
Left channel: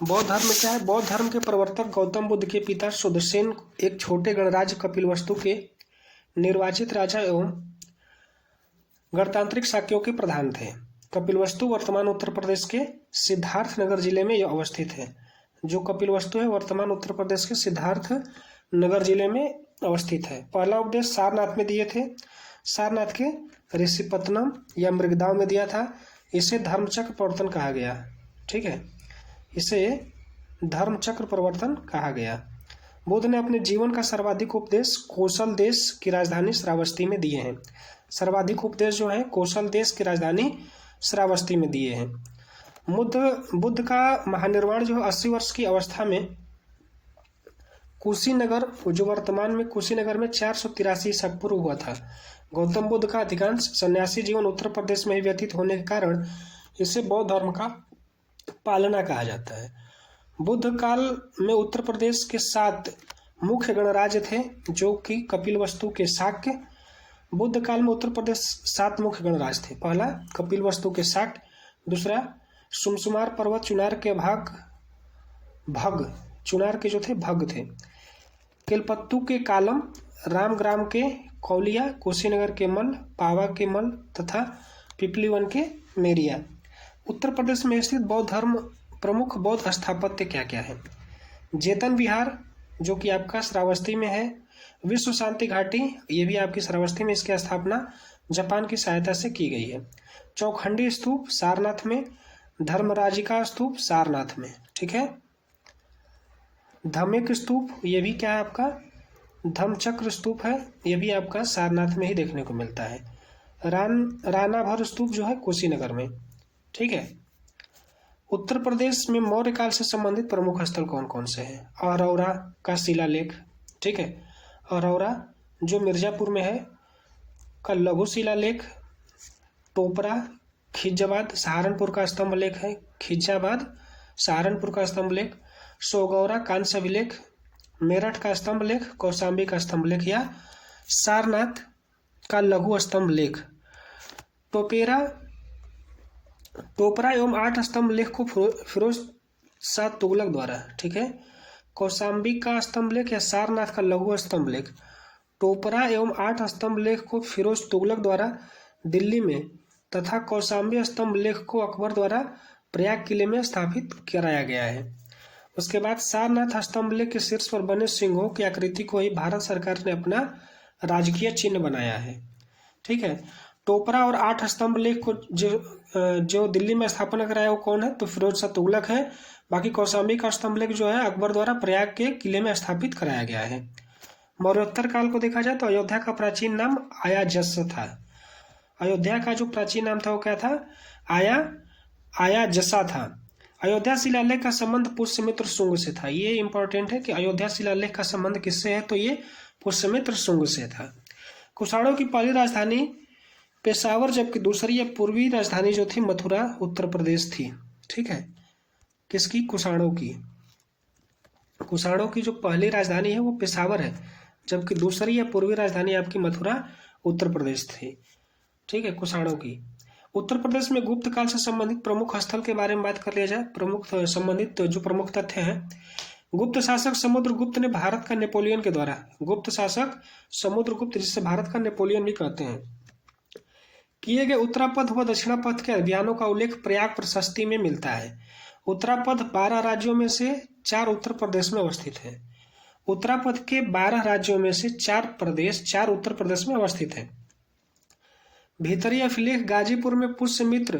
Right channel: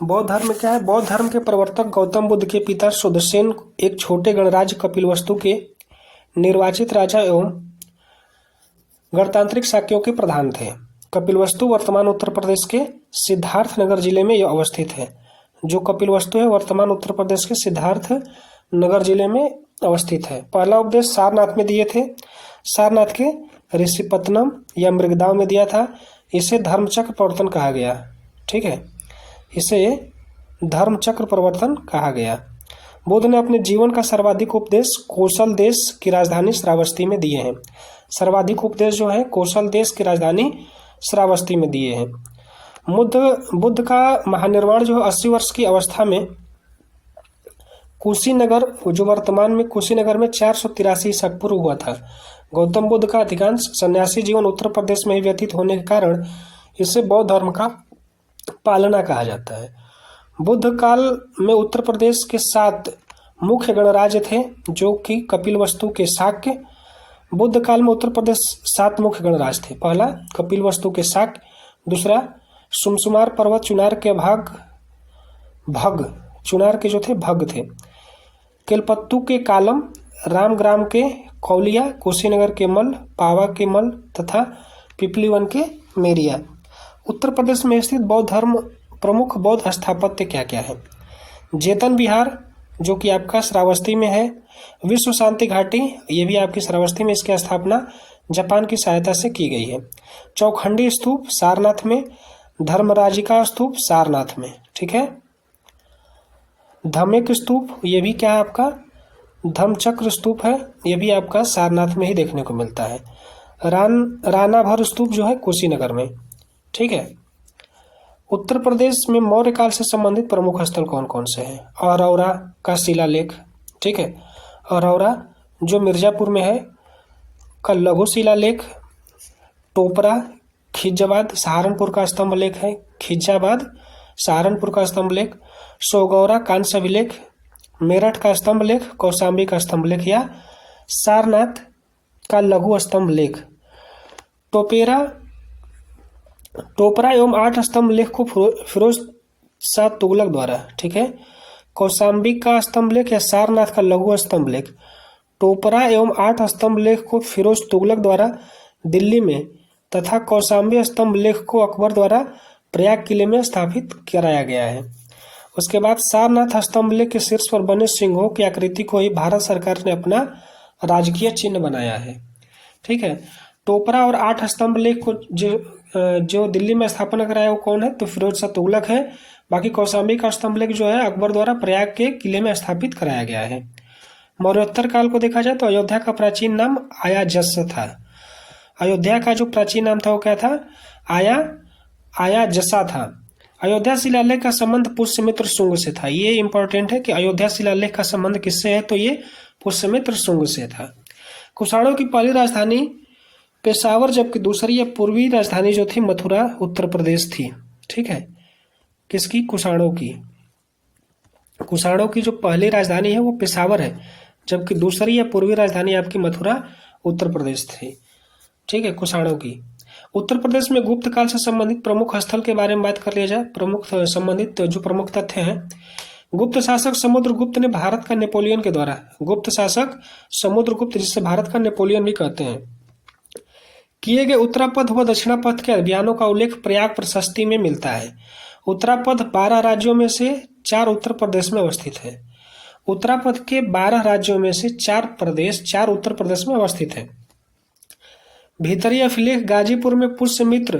बौद्ध धर्म क्या है? बौद्ध धर्म के प्रवर्तक गौतम बुद्ध के पिता सुदर्शन एक छोटे गणराज्य कपिलवस्तु के निर्वाचित राजा एवं गणतांत्रिक शाक्यों के प्रधान थे। कपिलवस्तु वर्तमान उत्तर प्रदेश के सिद्धार्थनगर जिले में अवस्थित है। जो कपिलवस्तु है वर्तमान उत्तर प्रदेश के सिद्धार्थनगर जिले में अवस्थित है। पहला उपदेश सारनाथ में दिए थे। सारनाथ के ऋषिपत्तनम या मृगदाव में दिया था। इसे धर्मचक्र प्रवर्तन कहा गया। ठीक है, इसे धर्मचक्र प्रवर्तन कहा गया। बुद्ध ने अपने जीवन का सर्वाधिक उपदेश कौशल देश की राजधानी श्रावस्ती में दिए हैं। सर्वाधिक उपदेश जो है कौशल देश की राजधानी श्रावस्ती में दिए हैं। बुद्ध का महानिर्वाण जो है 80 वर्ष की अवस्था में कुशीनगर, जो वर्तमान में कुशीनगर में 483 ईसा पूर्व हुआ था। गौतम बुद्ध का अधिकांश सन्यासी जीवन उत्तर प्रदेश में ही व्यतीत होने के कारण इसे बौद्ध धर्म का पालना कहा जाता है। बुद्ध काल में उत्तर प्रदेश के 7 मुख्य गणराज्य थे, जो कि कपिलवस्तु के शाक्य। बुद्ध काल में उत्तर प्रदेश 7 मुख्य गणराज्य थे। पहला कपिलवस्तु के शाक्य, दूसरा सुमसुमार पर्वत चुनार के भग चुनार के जो थे भग थे, केलपत्तू के कालम, रामग्राम के कौलिया, कुशीनगर के मल, पावा के मल तथा पिपलीवन के मेरिया। उत्तर प्रदेश में स्थित बौद्ध धर्म प्रमुख बौद्ध स्थापत्य क्या क्या है? जेतन विहार, जो कि आपका श्रावस्ती में है। विश्व शांति घाटी, ये भी आपकी श्रावस्ती में, इसकी स्थापना जापान की सहायता से की गई है। चौखंडी स्तूप सारनाथ में, धर्मराजिका स्तूप सारनाथ में, ठीक है। धमेक स्तूप, ये भी क्या है आपका धम्मचक्र स्तूप है, ये भी आपका सारनाथ में ही देखने को मिलता है। रानाभर स्तूप जो है कुशीनगर में, ठीक है। उत्तर प्रदेश में मौर्य काल से संबंधित प्रमुख स्थल कौन कौन से हैं? औरौरा का शिलालेख, ठीक है। औरौरा जो मिर्जापुर में है का लघु शिलालेख। टोपरा, खिज्जाबाद सहारनपुर का स्तंभ लेख है, खिज्जाबाद सहारनपुर का स्तंभ लेख। सोगौरा कांस्य अभिलेख, मेरठ का स्तंभ लेख, कौशाम्बी का स्तंभ लेख या सारनाथ का लघु स्तंभ लेख। टोपरा एवं 8 स्तंभ लेख को फिरोज शाह तुगलक द्वारा, ठीक है। कौशाम्बी का स्तंभ लेख या सारनाथ का लघु स्तंभ लेख। टोपरा एवं 8 स्तंभ लेख को फिरोज तुगलक द्वारा दिल्ली में तथा कौशाम्बी स्तंभ लेख को अकबर द्वारा प्रयाग किले में स्थापित कराया गया है। उसके बाद सारनाथ स्तंभ लेख के शीर्ष पर बने सिंहों की आकृति को ही भारत सरकार ने अपना राजकीय चिन्ह बनाया है, ठीक है। टोपरा और 8 स्तंभ लेख को जो दिल्ली में स्थापना कराया वो कौन है? तो फिरोज शाह तुगलक है। बाकी कौशाम्बी का स्तंभ लेख जो है अकबर द्वारा प्रयाग के किले में स्थापित कराया गया है। मौर्योत्तर काल को देखा जाए तो अयोध्या का प्राचीन नाम आयाजस था। अयोध्या का जो प्राचीन नाम था वो क्या था? आयाजसा था। अयोध्या शिलालेख का संबंध पुष्यमित्र शुंग से था। ये इंपॉर्टेंट है कि अयोध्या शिलालेख का संबंध किससे है? तो ये पुष्यमित्र शुंग से था। कुषाणों की पहली राजधानी पेशावर, जबकि दूसरी या पूर्वी राजधानी जो थी मथुरा उत्तर प्रदेश थी, ठीक है। किसकी? कुषाणों की। कुषाणों की जो पहली राजधानी है वो पेशावर है, जबकि दूसरी या पूर्वी राजधानी आपकी मथुरा उत्तर प्रदेश थी, ठीक है, कुषाणों की। उत्तर प्रदेश में गुप्त काल से संबंधित प्रमुख स्थल के बारे में बात कर लिया जाए। प्रमुख संबंधित जो प्रमुख तथ्य हैं, गुप्त शासक समुद्रगुप्त ने भारत का नेपोलियन के द्वारा, गुप्त शासक समुद्रगुप्त जिससे भारत का नेपोलियन भी कहते हैं, किए गए उत्तरापथ व दक्षिणापथ के अभियानों का उल्लेख प्रयाग प्रशस्ति में मिलता है। उत्तरापथ 12 राज्यों में से 4 उत्तर प्रदेश में अवस्थित है। उत्तरापथ के 12 राज्यों में से 4 उत्तर प्रदेश में अवस्थित है। भीतरी अभिलेख गाजीपुर में पुष्यमित्र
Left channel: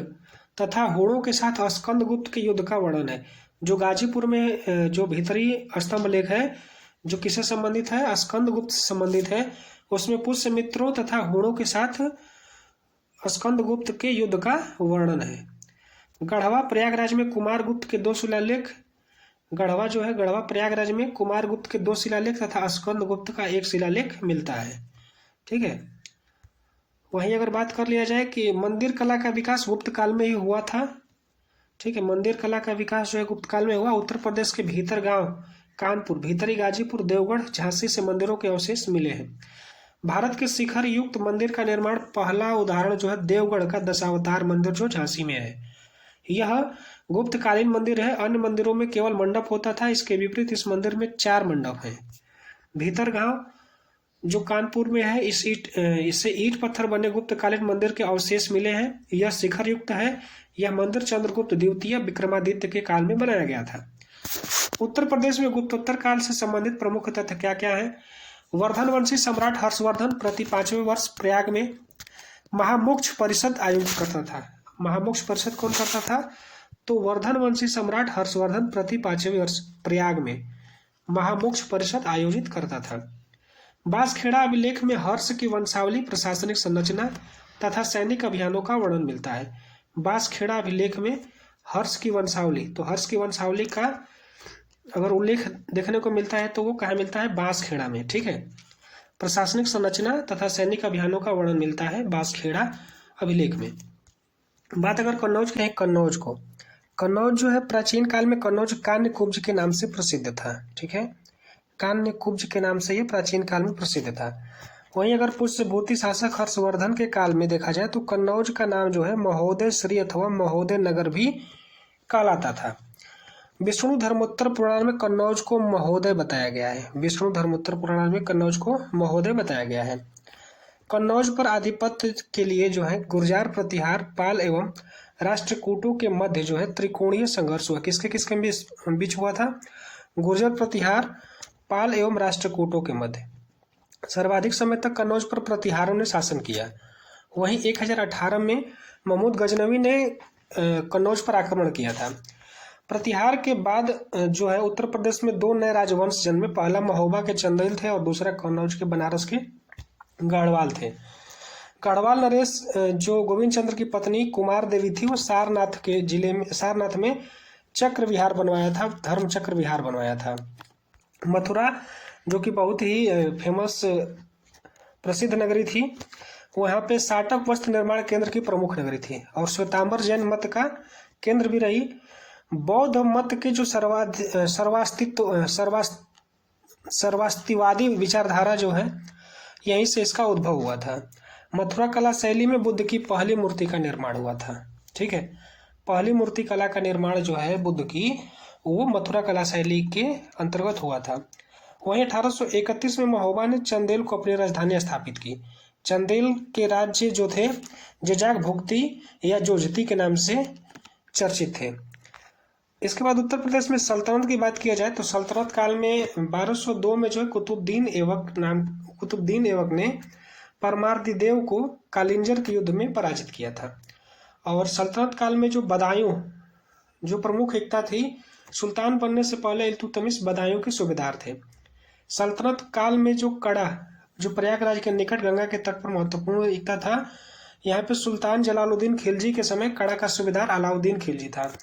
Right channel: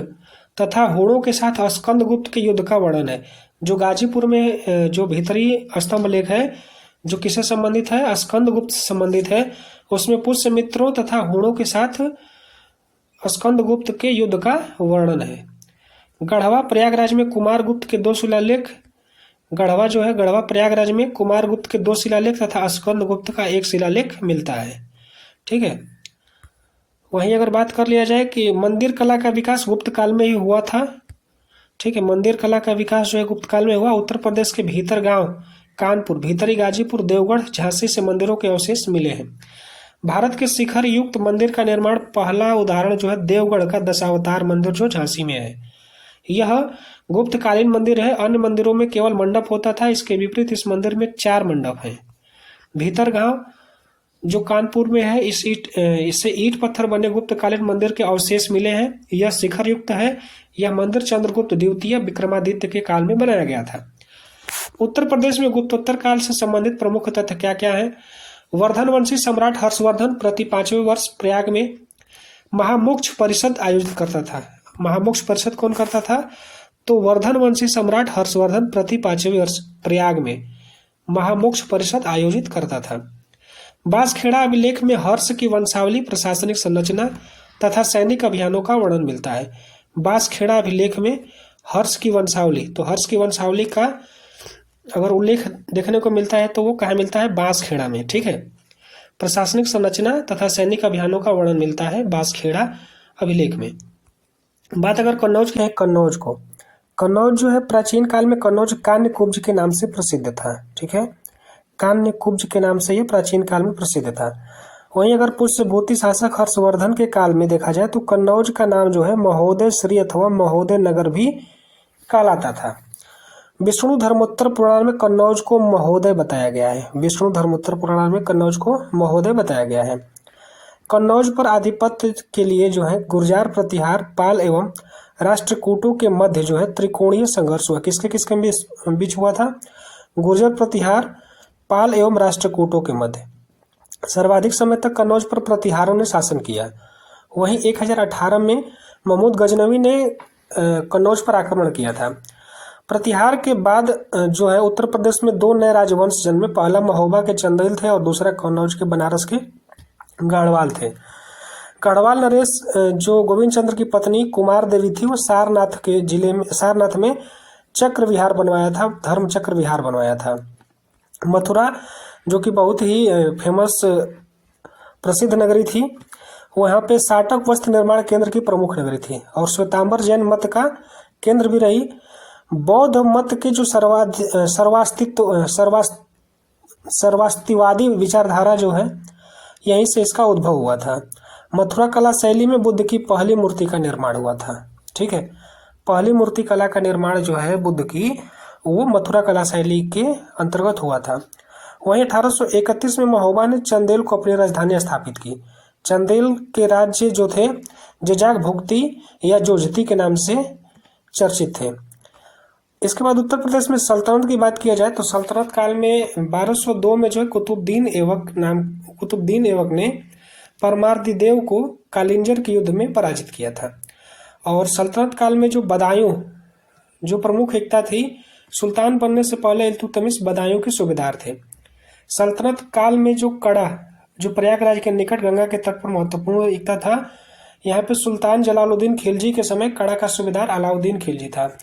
तथा होड़ों के साथ स्कंदगुप्त के युद्ध का वर्णन है। जो गाजीपुर में जो भीतरी स्तंभ लेख है जो किससे संबंधित है? स्कंदगुप्त से संबंधित है। उसमें पुष्यमित्रों तथा होड़ों के साथ स्कंदगुप्त के युद्ध का वर्णन है। गढ़वा प्रयागराज में कुमारगुप्त के 2 शिलालेख, गढ़वा जो है गढ़वा प्रयागराज में कुमारगुप्त के 2 शिलालेख तथा स्कंदगुप्त का 1 शिलालेख मिलता है, ठीक है। वहीं अगर बात कर लिया जाए कि मंदिर कला का विकास गुप्त काल में ही हुआ था, ठीक है। मंदिर कला का विकास जो है गुप्त काल में हुआ। उत्तर प्रदेश के भीतर गांव कानपुर, भीतरी गाजीपुर, देवगढ़, झांसी से मंदिरों के अवशेष मिले हैं। भारत के शिखर युक्त मंदिर का निर्माण पहला उदाहरण जो है देवगढ़ का दशावतार मंदिर जो झांसी में है। यह गुप्तकालीन मंदिर है। अन्य मंदिरों में केवल मंडप होता था, इसके विपरीत इस मंदिर में 4 मंडप हैं। भीतर गांव जो कानपुर में है, इससे ईंट पत्थर बने गुप्तकालीन मंदिर के अवशेष मिले हैं। यह शिखर युक्त है। यह मंदिर चंद्रगुप्त द्वितीय विक्रमादित्य के काल में बनाया गया था। उत्तर प्रदेश में गुप्तोत्तर काल से संबंधित प्रमुख तथ्य क्या क्या है? वर्धन वंशी सम्राट हर्षवर्धन प्रति 5वें वर्ष प्रयाग में महामोक्ष परिषद आयोजित करता था। महामोक्ष परिषद कौन करता था? तो वर्धन वंशी सम्राट हर्षवर्धन प्रति 5वें वर्ष प्रयाग में महामोक्ष परिषद आयोजित करता था। बांसखेड़ा अभिलेख में हर्ष की वंशावली, प्रशासनिक संरचना तथा सैनिक अभियानों का वर्णन मिलता है। बांसखेड़ा अभिलेख में हर्ष की वंशावली, तो हर्ष की वंशावली का अगर उल्लेख देखने को मिलता है तो वो कहाँ मिलता है? बांसखेड़ा में। ठीक है। प्रशासनिक संरचना तथा सैनिक अभियानों का वर्णन मिलता है बांसखेड़ा अभिलेख में। बात अगर कन्नौज की है, कन्नौज को, कन्नौज जो है प्राचीन काल में कन्नौज कान्य कुब्ज के नाम से प्रसिद्ध था। ठीक है, कान्य कुब्ज के नाम से ये प्राचीन काल में प्रसिद्ध था। वहीं अगर पुष्यभूति शासक हर्षवर्धन के काल में देखा जाए तो कन्नौज का नाम जो है महोदय श्री अथवा महोदय नगर भी कहलाता था। विष्णु धर्मोत्तर पुराण में कन्नौज को महोदय बताया गया है। विष्णु धर्मोत्तर पुराण में कन्नौज को महोदय बताया गया है। कन्नौज पर आधिपत्य के लिए जो है गुर्जार, प्रतिहार, पाल एवं राष्ट्रकूटों के मध्य जो है त्रिकोणीय संघर्ष हुआ। किसके किसके बीच हुआ था? गुर्जर, प्रतिहार, पाल एवं राष्ट्रकूटों के मध्य। सर्वाधिक समय तक कन्नौज पर प्रतिहारों ने शासन किया। वहीं 1018 में महमूद गजनवी ने कन्नौज पर आक्रमण किया था। प्रतिहार के बाद जो है उत्तर प्रदेश में 2 नए राजवंश जन्मे। पहला महोबा के चंदेल थे और दूसरा कन्नौज के बनारस के गढ़वाल थे। गढ़वाल नरेश जो गोविंद चंद्र की पत्नी कुमार देवी थी, वो सारनाथ के जिले में, सारनाथ में चक्र विहार बनवाया था, धर्म चक्र विहार बनवाया था। मथुरा जो कि बहुत ही फेमस प्रसिद्ध नगरी थी, वहाँ पे साटक वस्त्र निर्माण केंद्र की प्रमुख नगरी थी और श्वेतांबर जैन मत का केंद्र भी रही। बौद्ध मत के जो सर्वास्तिवादी विचारधारा जो है, यहीं से इसका उद्भव हुआ था। मथुरा कला शैली में बुद्ध की पहली मूर्ति का निर्माण हुआ था। ठीक है, पहली मूर्ति कला का निर्माण जो है बुद्ध की, वो मथुरा कला शैली के अंतर्गत हुआ था। वहीं 1831 में महोबा ने चंदेल को अपनी राजधानी स्थापित की। चंदेल के राज्य जो थे जेजाक भुक्ति या जोजती के नाम से चर्चित थे। इसके बाद उत्तर प्रदेश में सल्तनत की बात किया जाए तो सल्तनत काल में 1202 में जो है कुतुबुद्दीन ऐबक ने परमार्दिदेव को कालिंजर के युद्ध में पराजित किया था। और सल्तनत काल में जो बदायूं जो प्रमुख एकता थी, सुल्तान बनने से पहले इल्तुतमिश बदायूं के सूबेदार थे। सल्तनत काल में जो कड़ा जो प्रयागराज के निकट गंगा के तट पर महत्वपूर्ण एकता था, यहाँ पे सुल्तान जलालुद्दीन खिलजी के समय कड़ा का सूबेदार अलाउद्दीन खिलजी था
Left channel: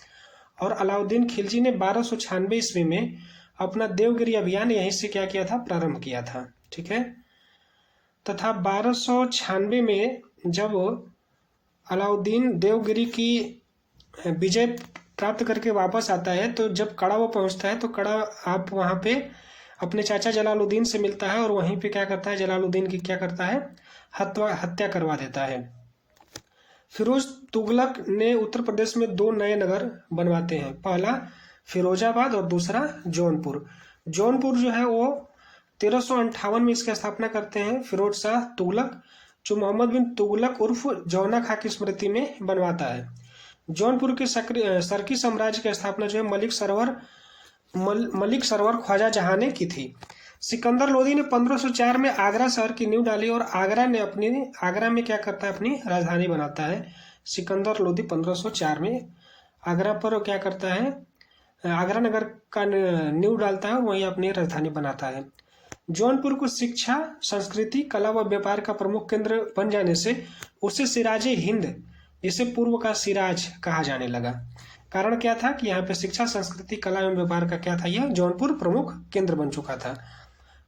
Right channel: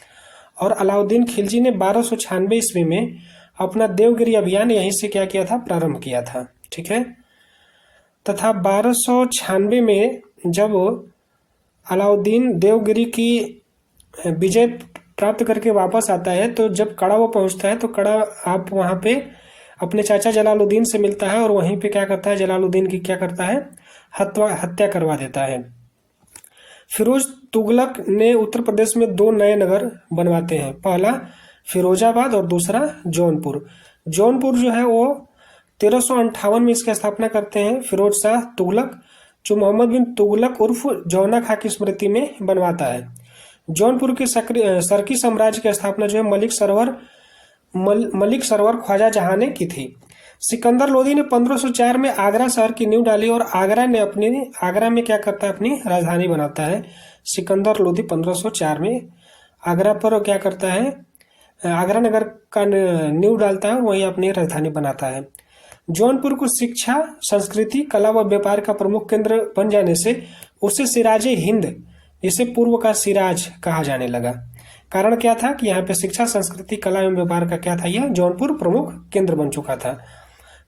और अलाउद्दीन खिलजी ने 1296 ईस्वी में अपना देवगिरी अभियान यहीं से क्या किया था? प्रारंभ किया था। ठीक है, तथा 1296 में जब अलाउद्दीन देवगिरी की विजय प्राप्त करके वापस आता है तो जब कड़ा वो पहुंचता है तो कड़ा आप वहाँ पे अपने चाचा जलालुद्दीन से मिलता है और वहीं पे क्या करता है? जलालुद्दीन की क्या करता है? हत्या करवा देता है। फिरोज तुगलक ने उत्तर प्रदेश में 2 नए नगर बनवाते हैं, पहला फिरोजाबाद और दूसरा जौनपुर। जौनपुर जो है वो 1358 में इसकी स्थापना करते हैं फिरोज शाह तुगलक, जो मोहम्मद बिन तुगलक उर्फ जौना खां की स्मृति में बनवाता है। जौनपुर के सरकी साम्राज्य की स्थापना जो है मलिक सरवर ख्वाजा जहां ने की थी। सिकंदर लोदी ने 1504 में आगरा शहर की नींव डाली और आगरा में क्या करता है? अपनी राजधानी बनाता है। सिकंदर लोदी 1504 में आगरा पर क्या करता है? आगरा नगर का नींव डालता है और वहीं अपनी राजधानी बनाता है। जौनपुर को शिक्षा, संस्कृति, कला व व्यापार का प्रमुख केंद्र बन जाने से उसे सिराजे हिंद, जिसे पूर्व का सिराज कहा जाने लगा। कारण क्या था कि यहाँ पे शिक्षा, संस्कृति, कला एवं व्यापार का क्या था? यह जौनपुर प्रमुख केंद्र बन चुका था।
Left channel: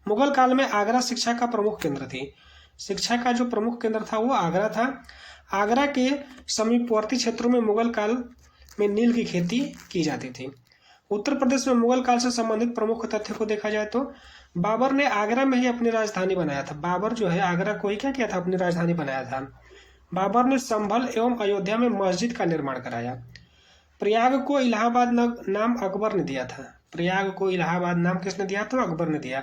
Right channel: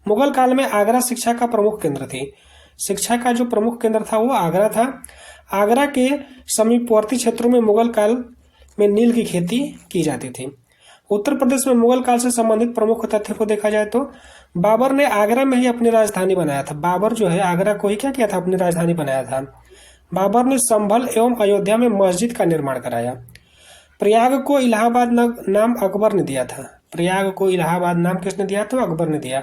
मुगल काल में आगरा शिक्षा का प्रमुख केंद्र थी। शिक्षा का जो प्रमुख केंद्र था वो आगरा था। आगरा के समीपवर्ती क्षेत्रों में मुगल काल में नील की खेती की जाती थी। उत्तर प्रदेश में मुगल काल से संबंधित प्रमुख तथ्य को देखा जाए तो बाबर ने आगरा में ही अपनी राजधानी बनाया था। बाबर जो है आगरा को ही क्या किया था? अपनी राजधानी बनाया था। बाबर ने संभल एवं अयोध्या में मस्जिद का निर्माण कराया। प्रयाग को इलाहाबाद नाम अकबर ने दिया था। प्रयाग को इलाहाबाद नाम किसने दिया? तो अकबर ने दिया।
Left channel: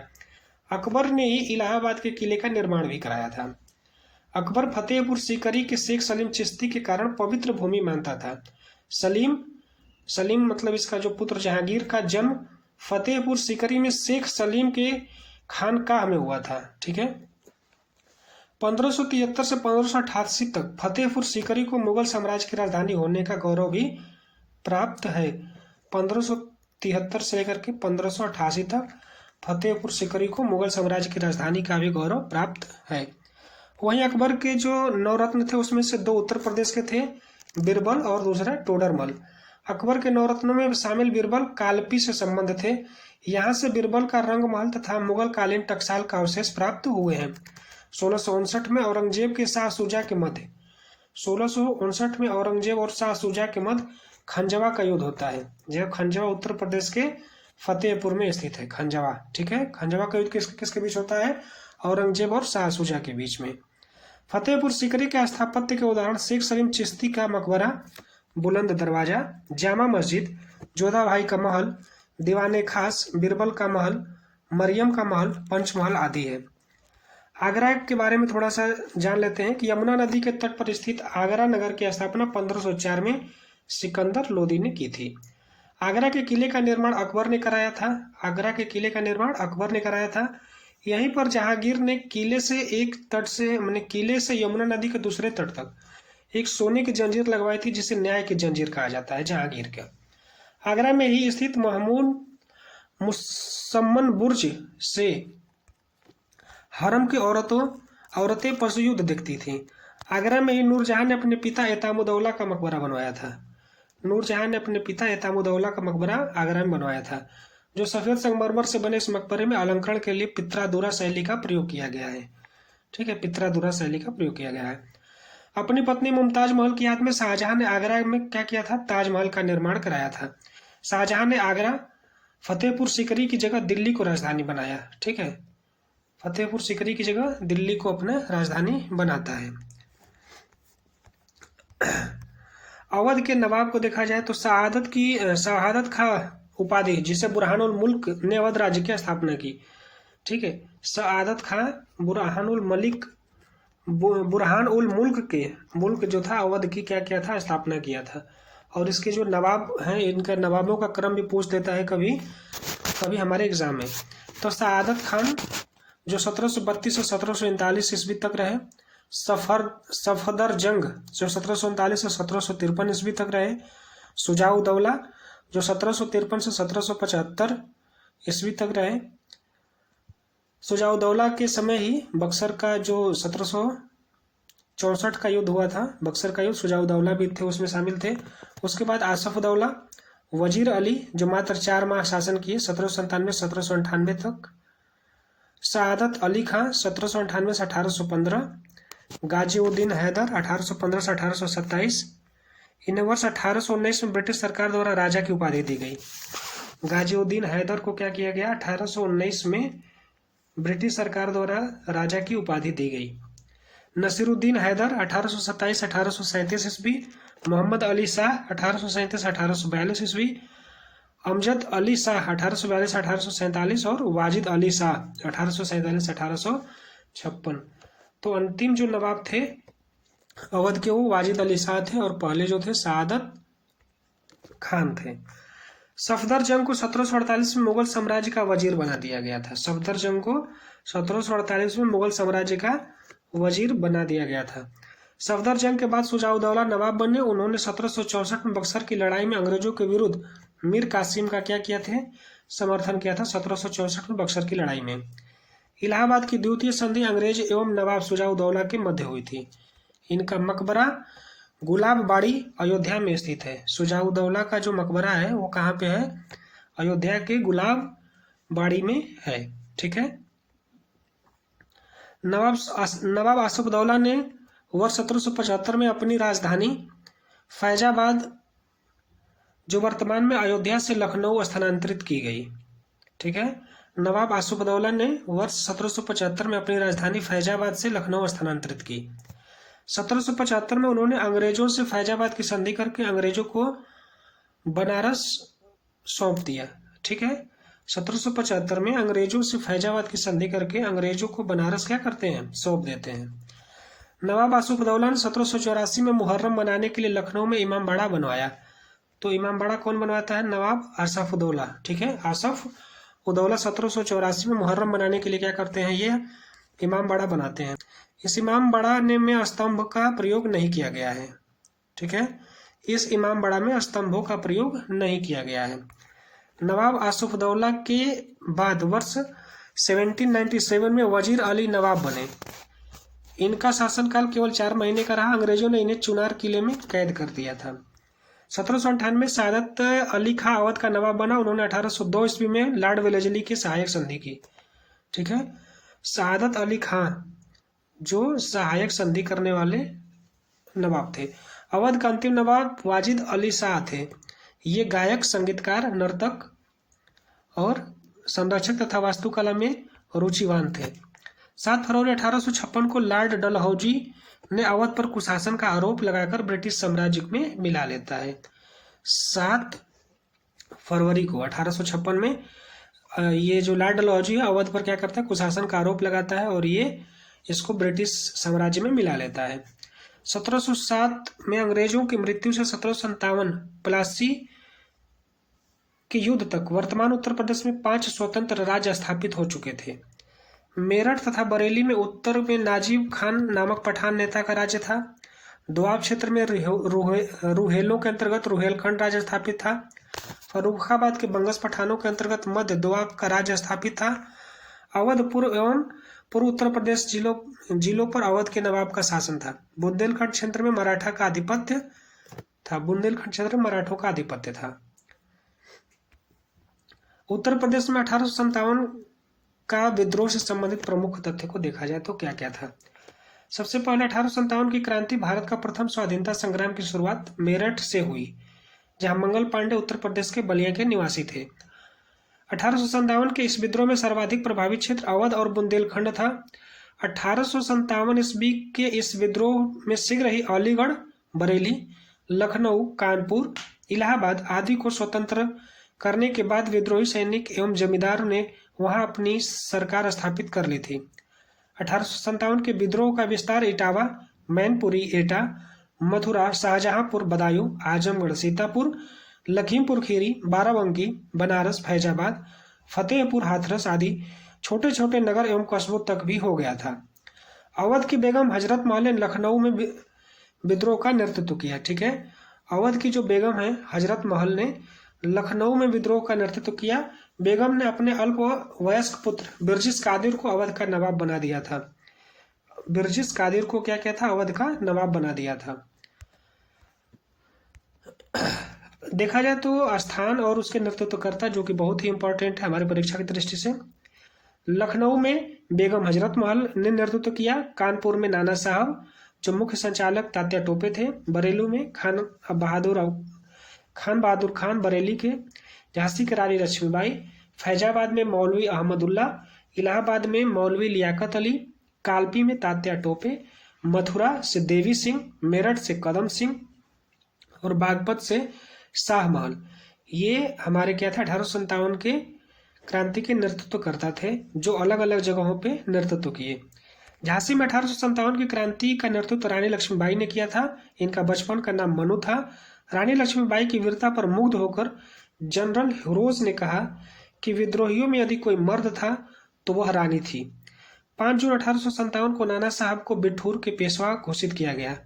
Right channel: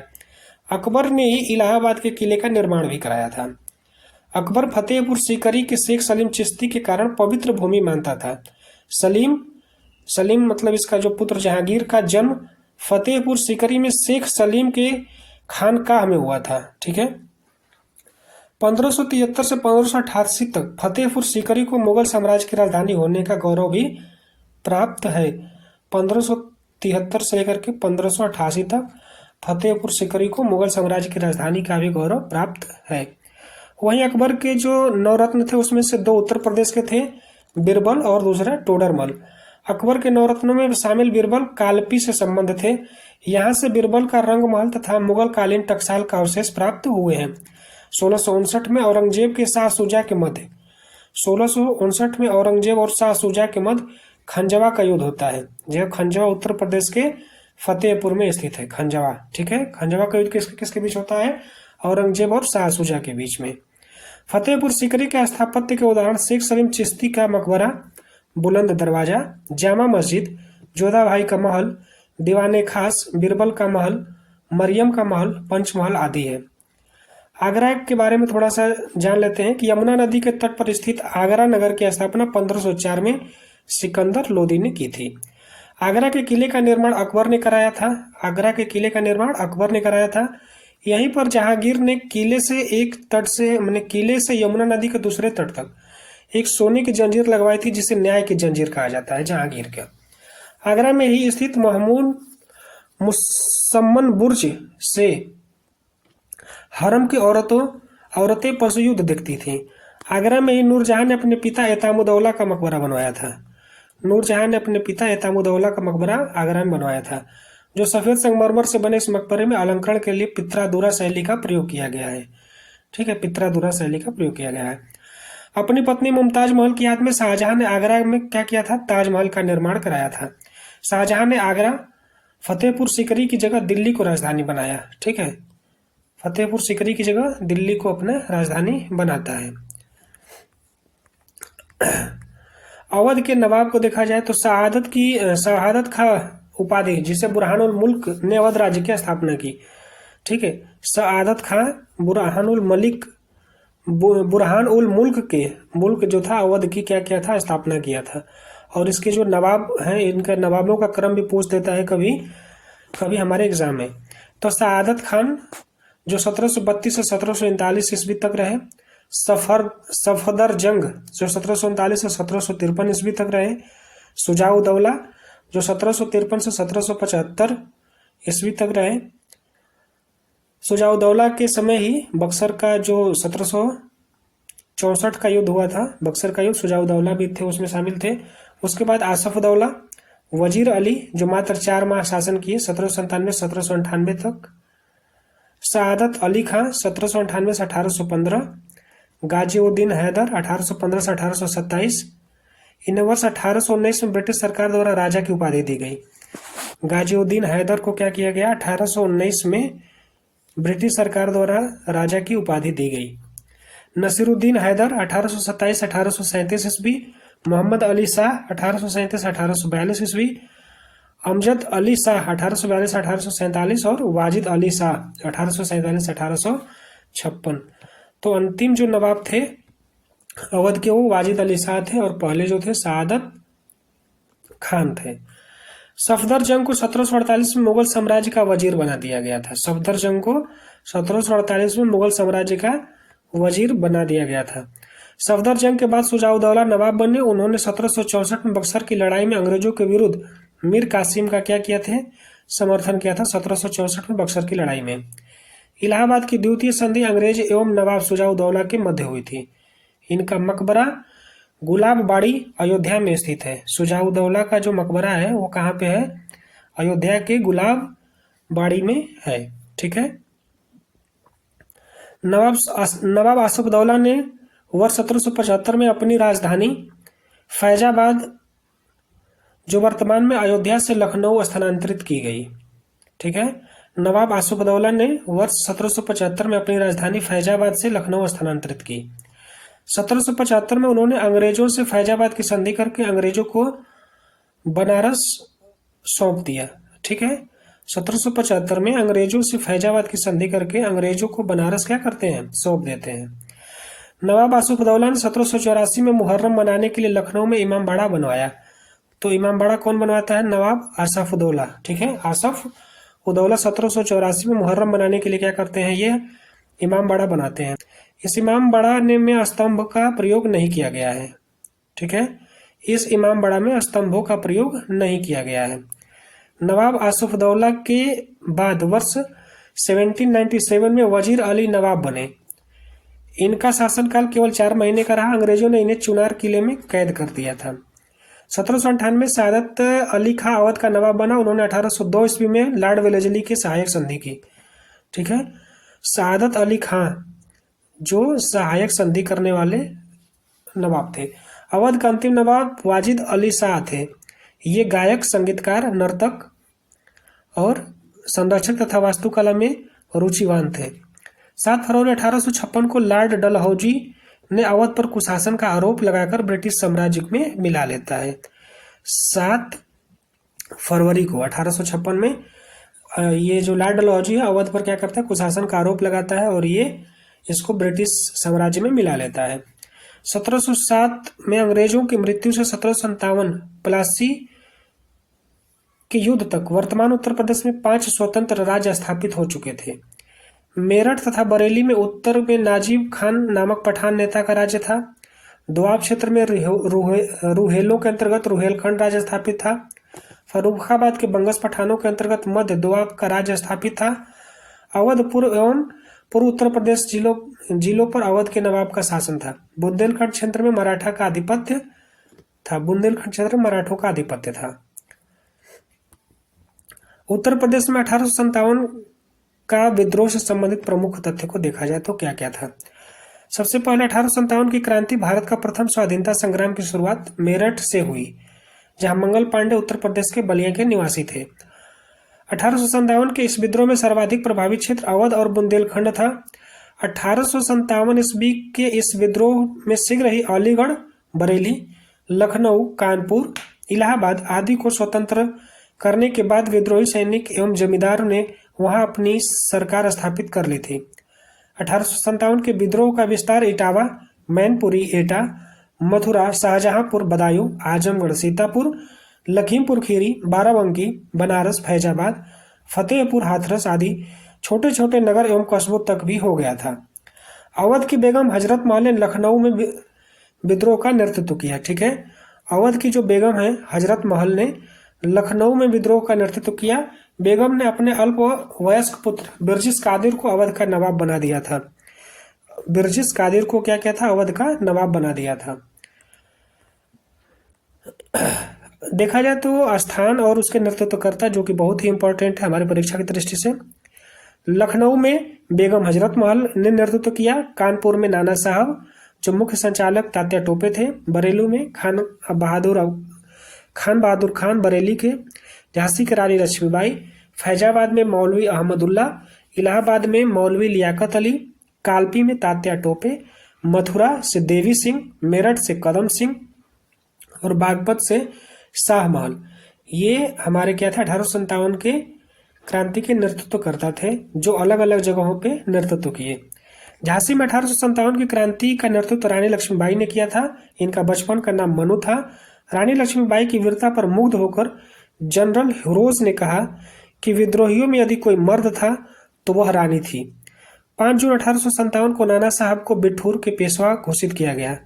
अकबर ने ही इलाहाबाद के किले का निर्माण भी कराया था। अकबर फतेहपुर सीकरी के शेख सलीम चिश्ती के कारण पवित्र भूमि मानता था। सलीम मतलब इसका जो पुत्र जहांगीर का जन्म फतेहपुर सीकरी में शेख सलीम के खानकाह में हुआ था। ठीक है, 1573 से 1588 तक फतेहपुर सीकरी को मुगल साम्राज्य की राजधानी होने का गौरव भी प्राप्त है। 1573 से लेकर के 1588 तक फतेहपुर सीकरी को मुगल साम्राज्य की राजधानी का भी गौरव प्राप्त है। वहीं अकबर के जो 9 रत्न थे उसमें से 2 उत्तर प्रदेश के थे, बीरबल और दूसरा टोडरमल। अकबर के नवरत्नों में शामिल बीरबल कालपी से संबंध थे। यहाँ से बीरबल का रंगमहल तथा मुगल कालीन टकसाल का अवशेष प्राप्त हुए हैं। 1659 में औरंगजेब के शाह शुजा के मध्य 1659 में औरंगजेब और शाह शुजा के मध्य खंजवा का युद्ध होता है। यह खंजवा उत्तर प्रदेश के फतेहपुर में स्थित है। खंजवा, ठीक है। खंजवा का युद्ध किसके बीच होता है? औरंगजेब और शाह शुजा के बीच में। फतेहपुर सीकरी के स्थापत्य के उदाहरण शेख सलीम चिश्ती का मकबरा, बुलंद दरवाजा, जामा मस्जिद, जोधा भाई का महल, दीवाने खास, बीरबल का महल, मरियम का महल, पंचमहल आदि है। आगरा के बारे में थोड़ा सा जान लेते हैं कि यमुना नदी के तट पर स्थित आगरा नगर की स्थापना 1504 में सिकंदर लोदी ने की थी। आगरा के किले का निर्माण अकबर ने कराया था। आगरा के किले का निर्माण अकबर ने कराया था। यहीं पर जहांगीर ने किले से एक तट से मैंने किले से यमुना नदी के दूसरे तट तक एक सोने की जंजीर लगवाई थी, जिसे न्याय की जंजीर कहा जाता है, जहांगीर का। आगरा में ही स्थित महमूद मुसम्मन बुर्ज से हरम की औरतें पशु युद्ध देखती थीं। आगरा में ही नूरजहां ने अपने पिता एतामुद्दौला का मकबरा बनवाया था। नूरजहां ने अपने पिता एतामुद्दौला का मकबरा आगरा में बनवाया था। जो सफेद संगमरमर से बने इस मकबरे में अलंकरण के लिए पित्रादुरा शैली का प्रयोग किया गया है। ठीक है, पित्रादुरा शैली का प्रयोग किया गया है। अपनी पत्नी मुमताज महल की याद में शाहजहां ने आगरा में क्या किया था? ताजमहल का निर्माण कराया था। शाहजहां ने आगरा फतेहपुर सीकरी की जगह दिल्ली को राजधानी बनाया। ठीक है, फतेहपुर सीकरी की जगह दिल्ली को अपना राजधानी बनाता है। अवध के नवाब को देखा जाए तो शहादत खां उपाधि, जिसे बुरहानुल मुल्क ने अवध राज्य की स्थापना की। ठीक है, शहादत खां बुरहान उल मुल्क जो था अवध की क्या किया था? स्थापना किया था। और इसके जो नवाब हैं, इनका नवाबों का क्रम भी पूछ देता है कभी कभी हमारे एग्जाम में। तो शहादत खान जो 1732 से 1739 ईस्वी तक रहे, सफदरजंग जो 1739 से 1753 ईस्वी तक रहे, शुजाउद्दौला जो 1753 से 1775 ईस्वी तक रहे। शुजाउद्दौला के समय ही बक्सर का जो 1764 का युद्ध हुआ था, बक्सर का युद्ध, शुजाउद्दौला भी थे, उसमें शामिल थे। उसके बाद आसफउद्दौला, वजीर अली जो मात्र 4 माह शासन किए 1797 से 1798 तक, शहादत अली खां 1798 से 1815, गाजीउद्दीन हैदर 1815 से 1827। इन्हें वर्ष 1819 में ब्रिटिश सरकार द्वारा राजा की उपाधि दी गई। गाजीउद्दीन हैदर को क्या किया गया? 1819 में ब्रिटिश सरकार द्वारा राजा की उपाधि दी गई। नसीरुद्दीन हैदर 1827 से 1837 ईस्वी, मोहम्मद अली शाह 1837 से 1842 ईस्वी, अमजद अली शाह 1842 से 1847 और वाजिद अली शाह 1847 से 1856। तो अंतिम जो नवाब थे अवध के वो वाजिद अली शाह थे और पहले जो थे शहादत खान थे। सफदरजंग को 1748 में मुगल साम्राज्य का वजीर बना दिया गया था। सफदरजंग को 1748 में मुगल साम्राज्य का वजीर बना दिया गया था। सफदरजंग के बाद शुजाउद्दौला नवाब बने। उन्होंने 1764 में बक्सर की लड़ाई में अंग्रेजों के विरुद्ध मीर कासिम का क्या किया थे? समर्थन किया था 1764 में बक्सर की लड़ाई में। इलाहाबाद की द्वितीय संधि अंग्रेज एवं नवाब शुजाउद्दौला के मध्य हुई थी। इनका मकबरा गुलाबबाड़ी अयोध्या में स्थित है। शुजाउद्दौला का जो मकबरा है वो कहाँ पे है? अयोध्या के गुलाबबाड़ी में है। ठीक है, नवाब आसफउद्दौला ने वर्ष 1775 में अपनी राजधानी फैजाबाद जो वर्तमान में अयोध्या से लखनऊ स्थानांतरित की गई। ठीक है, नवाब आसफउद्दौला ने वर्ष 1775 में अपनी राजधानी फैजाबाद से लखनऊ स्थानांतरित की। 1775 में उन्होंने अंग्रेजों से फैजाबाद की संधि करके अंग्रेजों को बनारस सौंप दिया। ठीक है, 1775 में अंग्रेजों से फैजाबाद की संधि करके अंग्रेजों को बनारस क्या करते हैं? सौंप देते हैं। नवाब आसफउद्दौला ने 1784 में मुहर्रम मनाने के लिए लखनऊ में इमामबाड़ा बनवाया। तो इमामबाड़ा कौन बनवाता है? नवाब आसफउद्दौला। ठीक है, आसफउद्दौला 1784 में मुहर्रम मनाने के लिए क्या करते हैं? ये इमामबाड़ा बनाते हैं। इस इमामबाड़ा में स्तंभ का प्रयोग नहीं किया गया है। ठीक है, इस इमामबाड़ा में स्तंभों का प्रयोग नहीं किया गया है। नवाब आसफउद्दौला के बाद वर्ष 1797 में वजीर अली नवाब बने। इनका शासनकाल केवल 4 महीने का रहा। अंग्रेजों ने इन्हें चुनार किले में कैद कर दिया था। 1798 में सादत अली खां अवध का नवाब बना। उन्होंने 1802 ईस्वी में लॉर्ड वेलेस्ली के सहायक संधि की। ठीक है, सादत अली खां जो सहायक संधि करने वाले नवाब थे। अवध का अंतिम नवाब वाजिद अली शाह थे। ये गायक, संगीतकार, नर्तक और संरक्षक तथा वास्तुकला में रुचिवान थे। 7 फरवरी 1856 को लॉर्ड डलहौजी ने अवध पर कुशासन का आरोप लगाकर ब्रिटिश साम्राज्य में मिला लेता है। 7 फरवरी को 1856 में ये जो लॉर्ड डलहौजी है अवध पर क्या करता है, कुशासन का आरोप लगाता है और ये इसको ब्रिटिश साम्राज्य में मिला लेता है। 1707 में अंग्रेजों की मृत्यु से 1757 प्लासी के युद्ध तक वर्तमान उत्तर प्रदेश में 5 स्वतंत्र राज्य स्थापित हो चुके थे। मेरठ तथा बरेली में उत्तर में नाजिब खान नामक पठान नेता का राज्य था। दोआब क्षेत्र में रुहेलों के अंतर्गत रुहेलखंड राज्य स्थापित था। फर्रुखाबाद के बंगस पठानों के अंतर्गत मध्य दोआब का राज्य स्थापित था। अवध पूर्व एवं पूर्व उत्तर प्रदेश जिलों पर अवध के नवाब का शासन था। बुंदेलखंड क्षेत्र में मराठा का आधिपत्य था। बुंदेलखंड क्षेत्र में मराठों का आधिपत्य था। उत्तर प्रदेश में 1857 का विद्रोह से संबंधित प्रमुख तथ्य को देखा जाए तो क्या क्या था। सबसे पहले 1857 की क्रांति, भारत का प्रथम स्वाधीनता संग्राम की शुरुआत मेरठ से हुई, जहां मंगल पांडे उत्तर प्रदेश के बलिया के निवासी थे। 1857 के इस विद्रोह में सर्वाधिक प्रभावित क्षेत्र अवध और बुंदेलखंड था। 1857 ईस्वी के इस विद्रोह में शीघ्र ही अलीगढ़, बरेली, लखनऊ, कानपुर, इलाहाबाद आदि को स्वतंत्र करने के बाद विद्रोही सैनिक एवं जमींदार ने वहां अपनी सरकार स्थापित कर ली थी। 1857 के विद्रोह का विस्तार इटावा, मैनपुरी, एटा, मथुरा, शाहजहांपुर, बदायूं, आजमगढ़, सीतापुर, लखीमपुर खीरी, बाराबंकी, बनारस, फैजाबाद, फतेहपुर, हाथरस आदि छोटे छोटे नगर एवं कस्बों तक भी हो गया था। अवध की बेगम हजरत महल ने लखनऊ में विद्रोह का नेतृत्व किया। ठीक है, अवध की जो बेगम है हजरत महल ने लखनऊ में विद्रोह का नेतृत्व किया। बेगम ने अपने अल्प वयस्क पुत्र बिरजिस कादिर को अवध का नवाब बना दिया था। बिरजिस कादिर को क्या क्या था, अवध का नवाब बना दिया था। देखा जाए तो स्थान और उसके नेतृत्वकर्ता जो कि बहुत ही इंपॉर्टेंट है हमारी परीक्षा की दृष्टि से। लखनऊ में बेगम हजरत महल ने नेतृत्व किया। कानपुर में नाना साहब जो मुख्य संचालक तात्या टोपे थे। बरेलू में खान बहादुर खान बरेली के। झांसी की रानी लक्ष्मीबाई। फैजाबाद में मौलवी अहमदुल्ला। इलाहाबाद में मौलवी लियाकत अली। कालपी में तात्या टोपे। मथुरा से देवी सिंह। मेरठ से कदम सिंह और बागपत से शाह महल। ये हमारे क्या थे, 1857 के क्रांति के नेतृत्व करता थे जो अलग अलग जगहों पे नेतृत्व किए। झांसी में 1857 की क्रांति का नेतृत्व रानी लक्ष्मीबाई ने किया था। इनका बचपन का नाम मनु था। रानी लक्ष्मीबाई की वीरता पर मुग्ध होकर जनरल हिरोज ने कहा कि विद्रोहियों में यदि कोई मर्द था तो वह रानी थी। 5 जून 1857 को नाना साहब को बिठूर के पेशवा घोषित किया गया।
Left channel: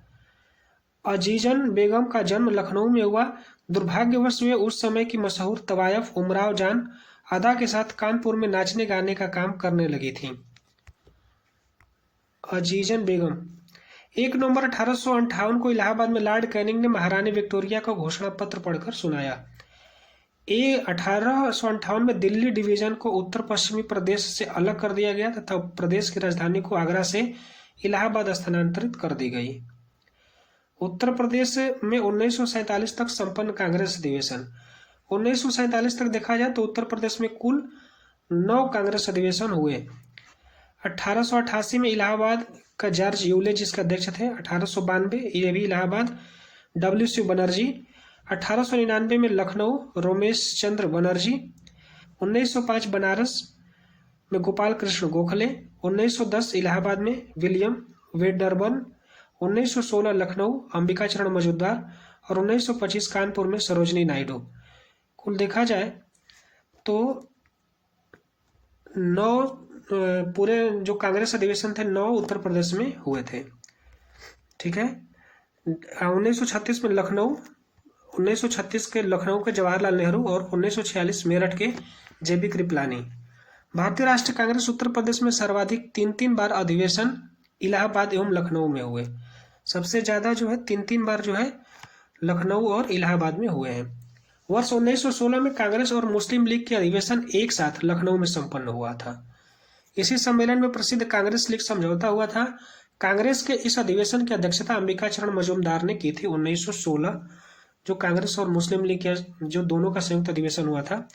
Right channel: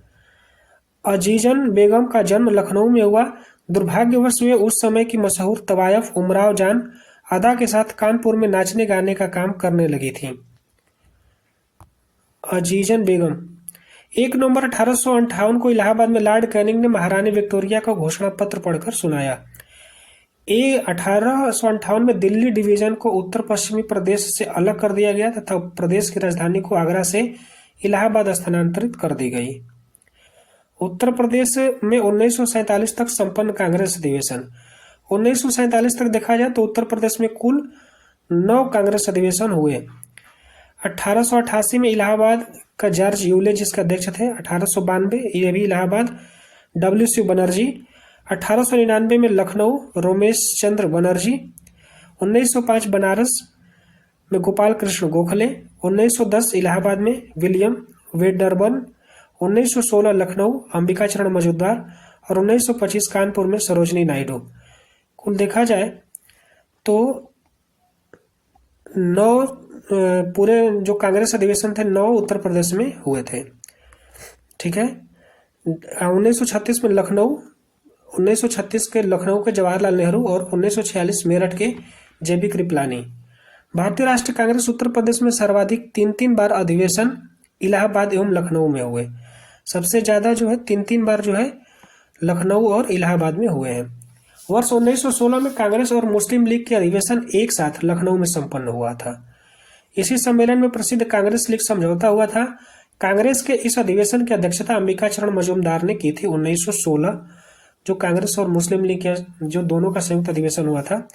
अजीजन बेगम का जन्म लखनऊ में हुआ। दुर्भाग्यवश वे उस समय की मशहूर तवायफ उमराव जान अदा के साथ कानपुर में नाचने गाने का काम करने लगी थी। अजीजन बेगम 1 नवंबर 1858 को इलाहाबाद में लॉर्ड कैनिंग ने महारानी विक्टोरिया का घोषणा पत्र पढ़कर सुनाया। 1858 में दिल्ली डिवीजन को उत्तर पश्चिमी प्रदेश से अलग कर दिया गया तथा प्रदेश की राजधानी को आगरा से इलाहाबाद स्थानांतरित कर दी गई। उत्तर प्रदेश में 1947 तक संपन्न कांग्रेस अधिवेशन। 1947 तक देखा जाए तो उत्तर प्रदेश में कुल 9 कांग्रेस अधिवेशन हुए। 1888 में इलाहाबाद का जॉर्ज यूले जिसके अध्यक्ष थे। 1892 ये भी इलाहाबाद WC बनर्जी। 1899 में लखनऊ रोमेश चंद्र बनर्जी। 1905 बनारस में गोपाल कृष्ण गोखले। 1910 इलाहाबाद में विलियम वेडरबर्न। 1916 लखनऊ अंबिका चरण मजूमदार और 1925 कानपुर में सरोजनी नायडू। कुल देखा जाए तो 9 पूरे जो कांग्रेस अधिवेशन थे 9 उत्तर प्रदेश में हुए थे। ठीक है, 1936 में लखनऊ, 1936 के लखनऊ के जवाहरलाल नेहरू और 1946 मेरठ के JB कृपलानी। भारतीय राष्ट्रीय कांग्रेस उत्तर प्रदेश में सर्वाधिक 3 बार अधिवेशन इलाहाबाद एवं लखनऊ में हुए। सबसे ज़्यादा जो है 3-3 बार जो है लखनऊ और इलाहाबाद में हुए हैं। वर्ष 1916 में कांग्रेस और मुस्लिम लीग के अधिवेशन एक साथ लखनऊ में संपन्न हुआ था। इसी सम्मेलन में प्रसिद्ध कांग्रेस लीग समझौता हुआ था। कांग्रेस के इस अधिवेशन की अध्यक्षता अंबिका चरण मजूमदार ने की थी। 1916 जो कांग्रेस और मुस्लिम लीग के जो दोनों का संयुक्त अधिवेशन हुआ था।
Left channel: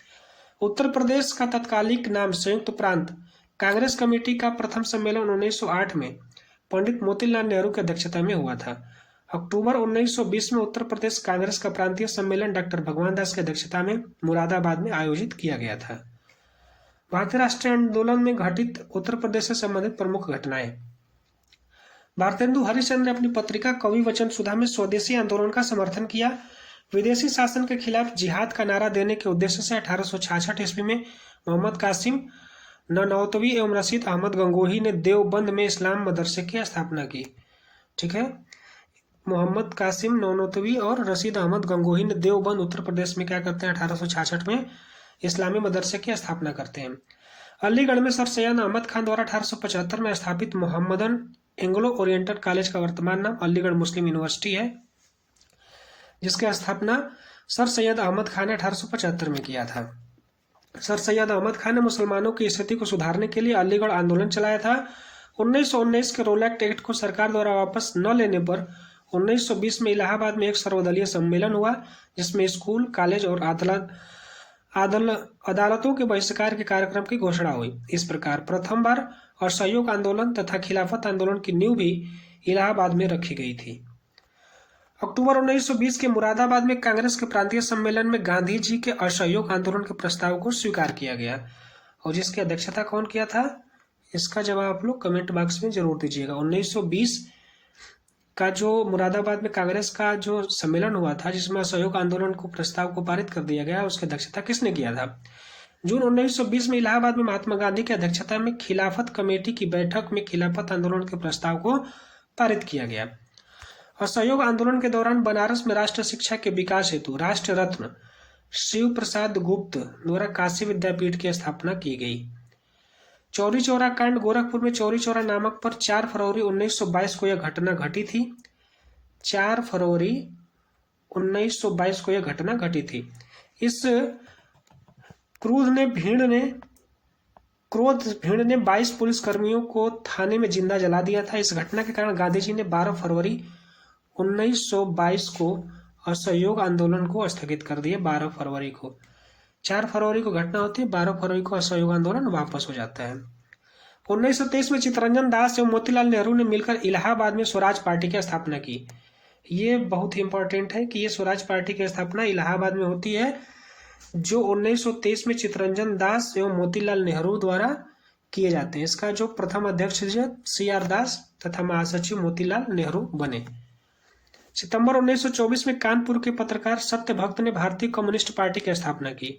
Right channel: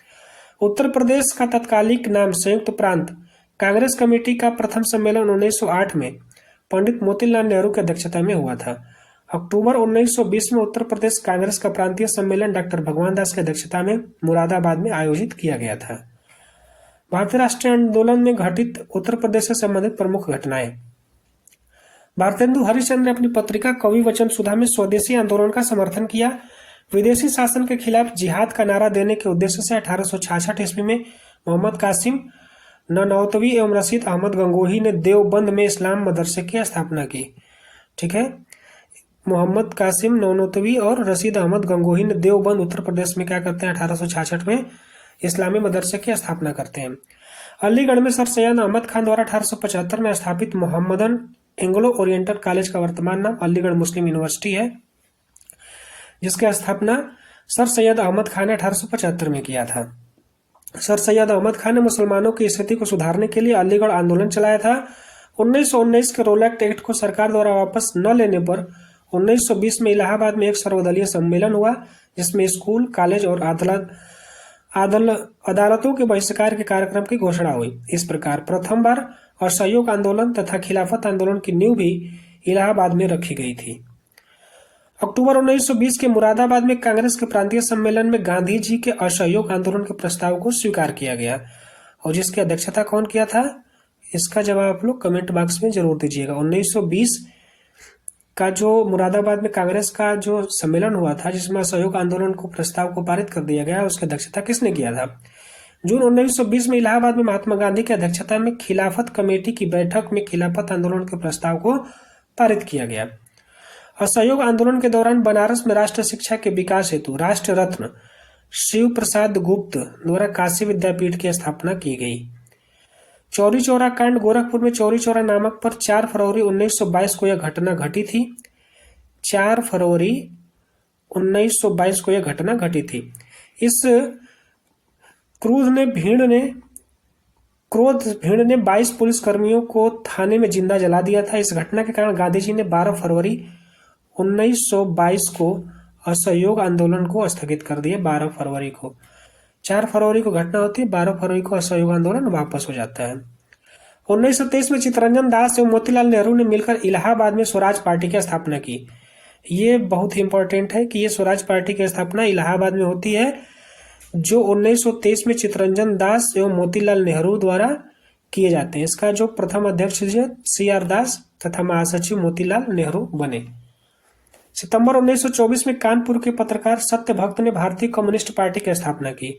उत्तर प्रदेश का तत्कालिक नाम संयुक्त प्रांत कांग्रेस कमेटी का प्रथम सम्मेलन 1908 में पंडित मोतीलाल नेहरू की अध्यक्षता में हुआ था। अक्टूबर 1920 में उत्तर प्रदेश कांग्रेस का प्रांतीय सम्मेलन डॉक्टर भगवान दास की अध्यक्षता में मुरादाबाद में आयोजित किया गया था। भारतीय राष्ट्रीय आंदोलन में घटित उत्तर प्रदेश से संबंधित प्रमुख घटनाएं। भारतेंदु हरिश्चंद्र ने अपनी पत्रिका कवि वचन सुधा में स्वदेशी आंदोलन का समर्थन किया। विदेशी शासन के खिलाफ जिहाद का नारा देने के उद्देश्य से 1866 ईस्वी में मोहम्मद कासिम ननौतवी एवं रशीद अहमद गंगोही ने देवबंद में इस्लाम मदरसे की स्थापना की। ठीक है, मोहम्मद कासिम ननौतवी और रशीद अहमद गंगोही ने देवबंद उत्तर प्रदेश में क्या करते हैं 1866 में इस्लामी मदरसे की स्थापना करते हैं। अलीगढ़ में सर सैयद अहमद खान द्वारा 1875 में स्थापित मोहम्मदन एंग्लो ओरिएंटल कॉलेज का वर्तमान नाम अलीगढ़ मुस्लिम यूनिवर्सिटी है, जिसकी स्थापना सर सैयद अहमद खान ने 1875 में किया था। सर सैयद अहमद खान ने मुसलमानों की स्थिति को सुधारने के लिए अलीगढ़ आंदोलन चलाया था। 1919 के रोलैक्ट एक्ट को सरकार द्वारा वापस न लेने पर 1920 में इलाहाबाद में एक सर्वदलीय सम्मेलन हुआ, जिसमें स्कूल, कॉलेज और अदालतों के बहिष्कार के कार्यक्रम की घोषणा हुई। इस प्रकार प्रथम बार असहयोग आंदोलन तथा खिलाफत आंदोलन की नींव भी इलाहाबाद में रखी गई थी। अक्टूबर 1920 के मुरादाबाद में कांग्रेस के प्रांतीय सम्मेलन में गांधी जी के असहयोग आंदोलन के प्रस्ताव को स्वीकार किया गया, और जिसकी अध्यक्षता कौन किया था, इसका जवाब आप लोग कमेंट बॉक्स में जरूर दीजिएगा। 1920 का जो मुरादाबाद में कांग्रेस का जो सम्मेलन हुआ था, जिसमें असहयोग आंदोलन को प्रस्ताव को पारित कर दिया गया, उसकी अध्यक्षता किसने किया था। जून 1920 में इलाहाबाद में महात्मा गांधी की अध्यक्षता में खिलाफत कमेटी की बैठक में खिलाफत आंदोलन के प्रस्ताव को पारित किया गया। असहयोग आंदोलन के दौरान बनारस में राष्ट्र शिक्षा के विकास हेतु राष्ट्र रत्न शिव प्रसाद गुप्त द्वारा काशी विद्यापीठ की स्थापना की गई। चौरी चौरा कांड गोरखपुर में चौरी चौरा नामक पर 4 फरवरी 1922 को यह घटना घटी थी। 4 फरवरी 1922 को यह घटना घटी थी। इस क्रोध भीड़ ने 22 पुलिसकर्मियों को थाने में जिंदा जला दिया था। इस घटना के कारण गांधी जी ने 12 फरवरी 1922 को असहयोग आंदोलन को स्थगित कर दिया। 12 फरवरी को 4 फरवरी को घटना होती है, 12 फरवरी को असहयोग आंदोलन वापस हो जाता है। 1923 में चित्तरंजन दास एवं मोतीलाल नेहरू ने मिलकर इलाहाबाद में स्वराज पार्टी की स्थापना की। ये बहुत ही इंपॉर्टेंट है कि ये स्वराज पार्टी की स्थापना इलाहाबाद में होती है, जो 1923 में चित्तरंजन दास एवं मोतीलाल नेहरू द्वारा किए जाते हैं। इसका जो प्रथम अध्यक्ष CR दास तथा महासचिव मोतीलाल नेहरू बने। सितंबर 1924 में कानपुर के पत्रकार सत्यभक्त ने भारतीय कम्युनिस्ट पार्टी की स्थापना की।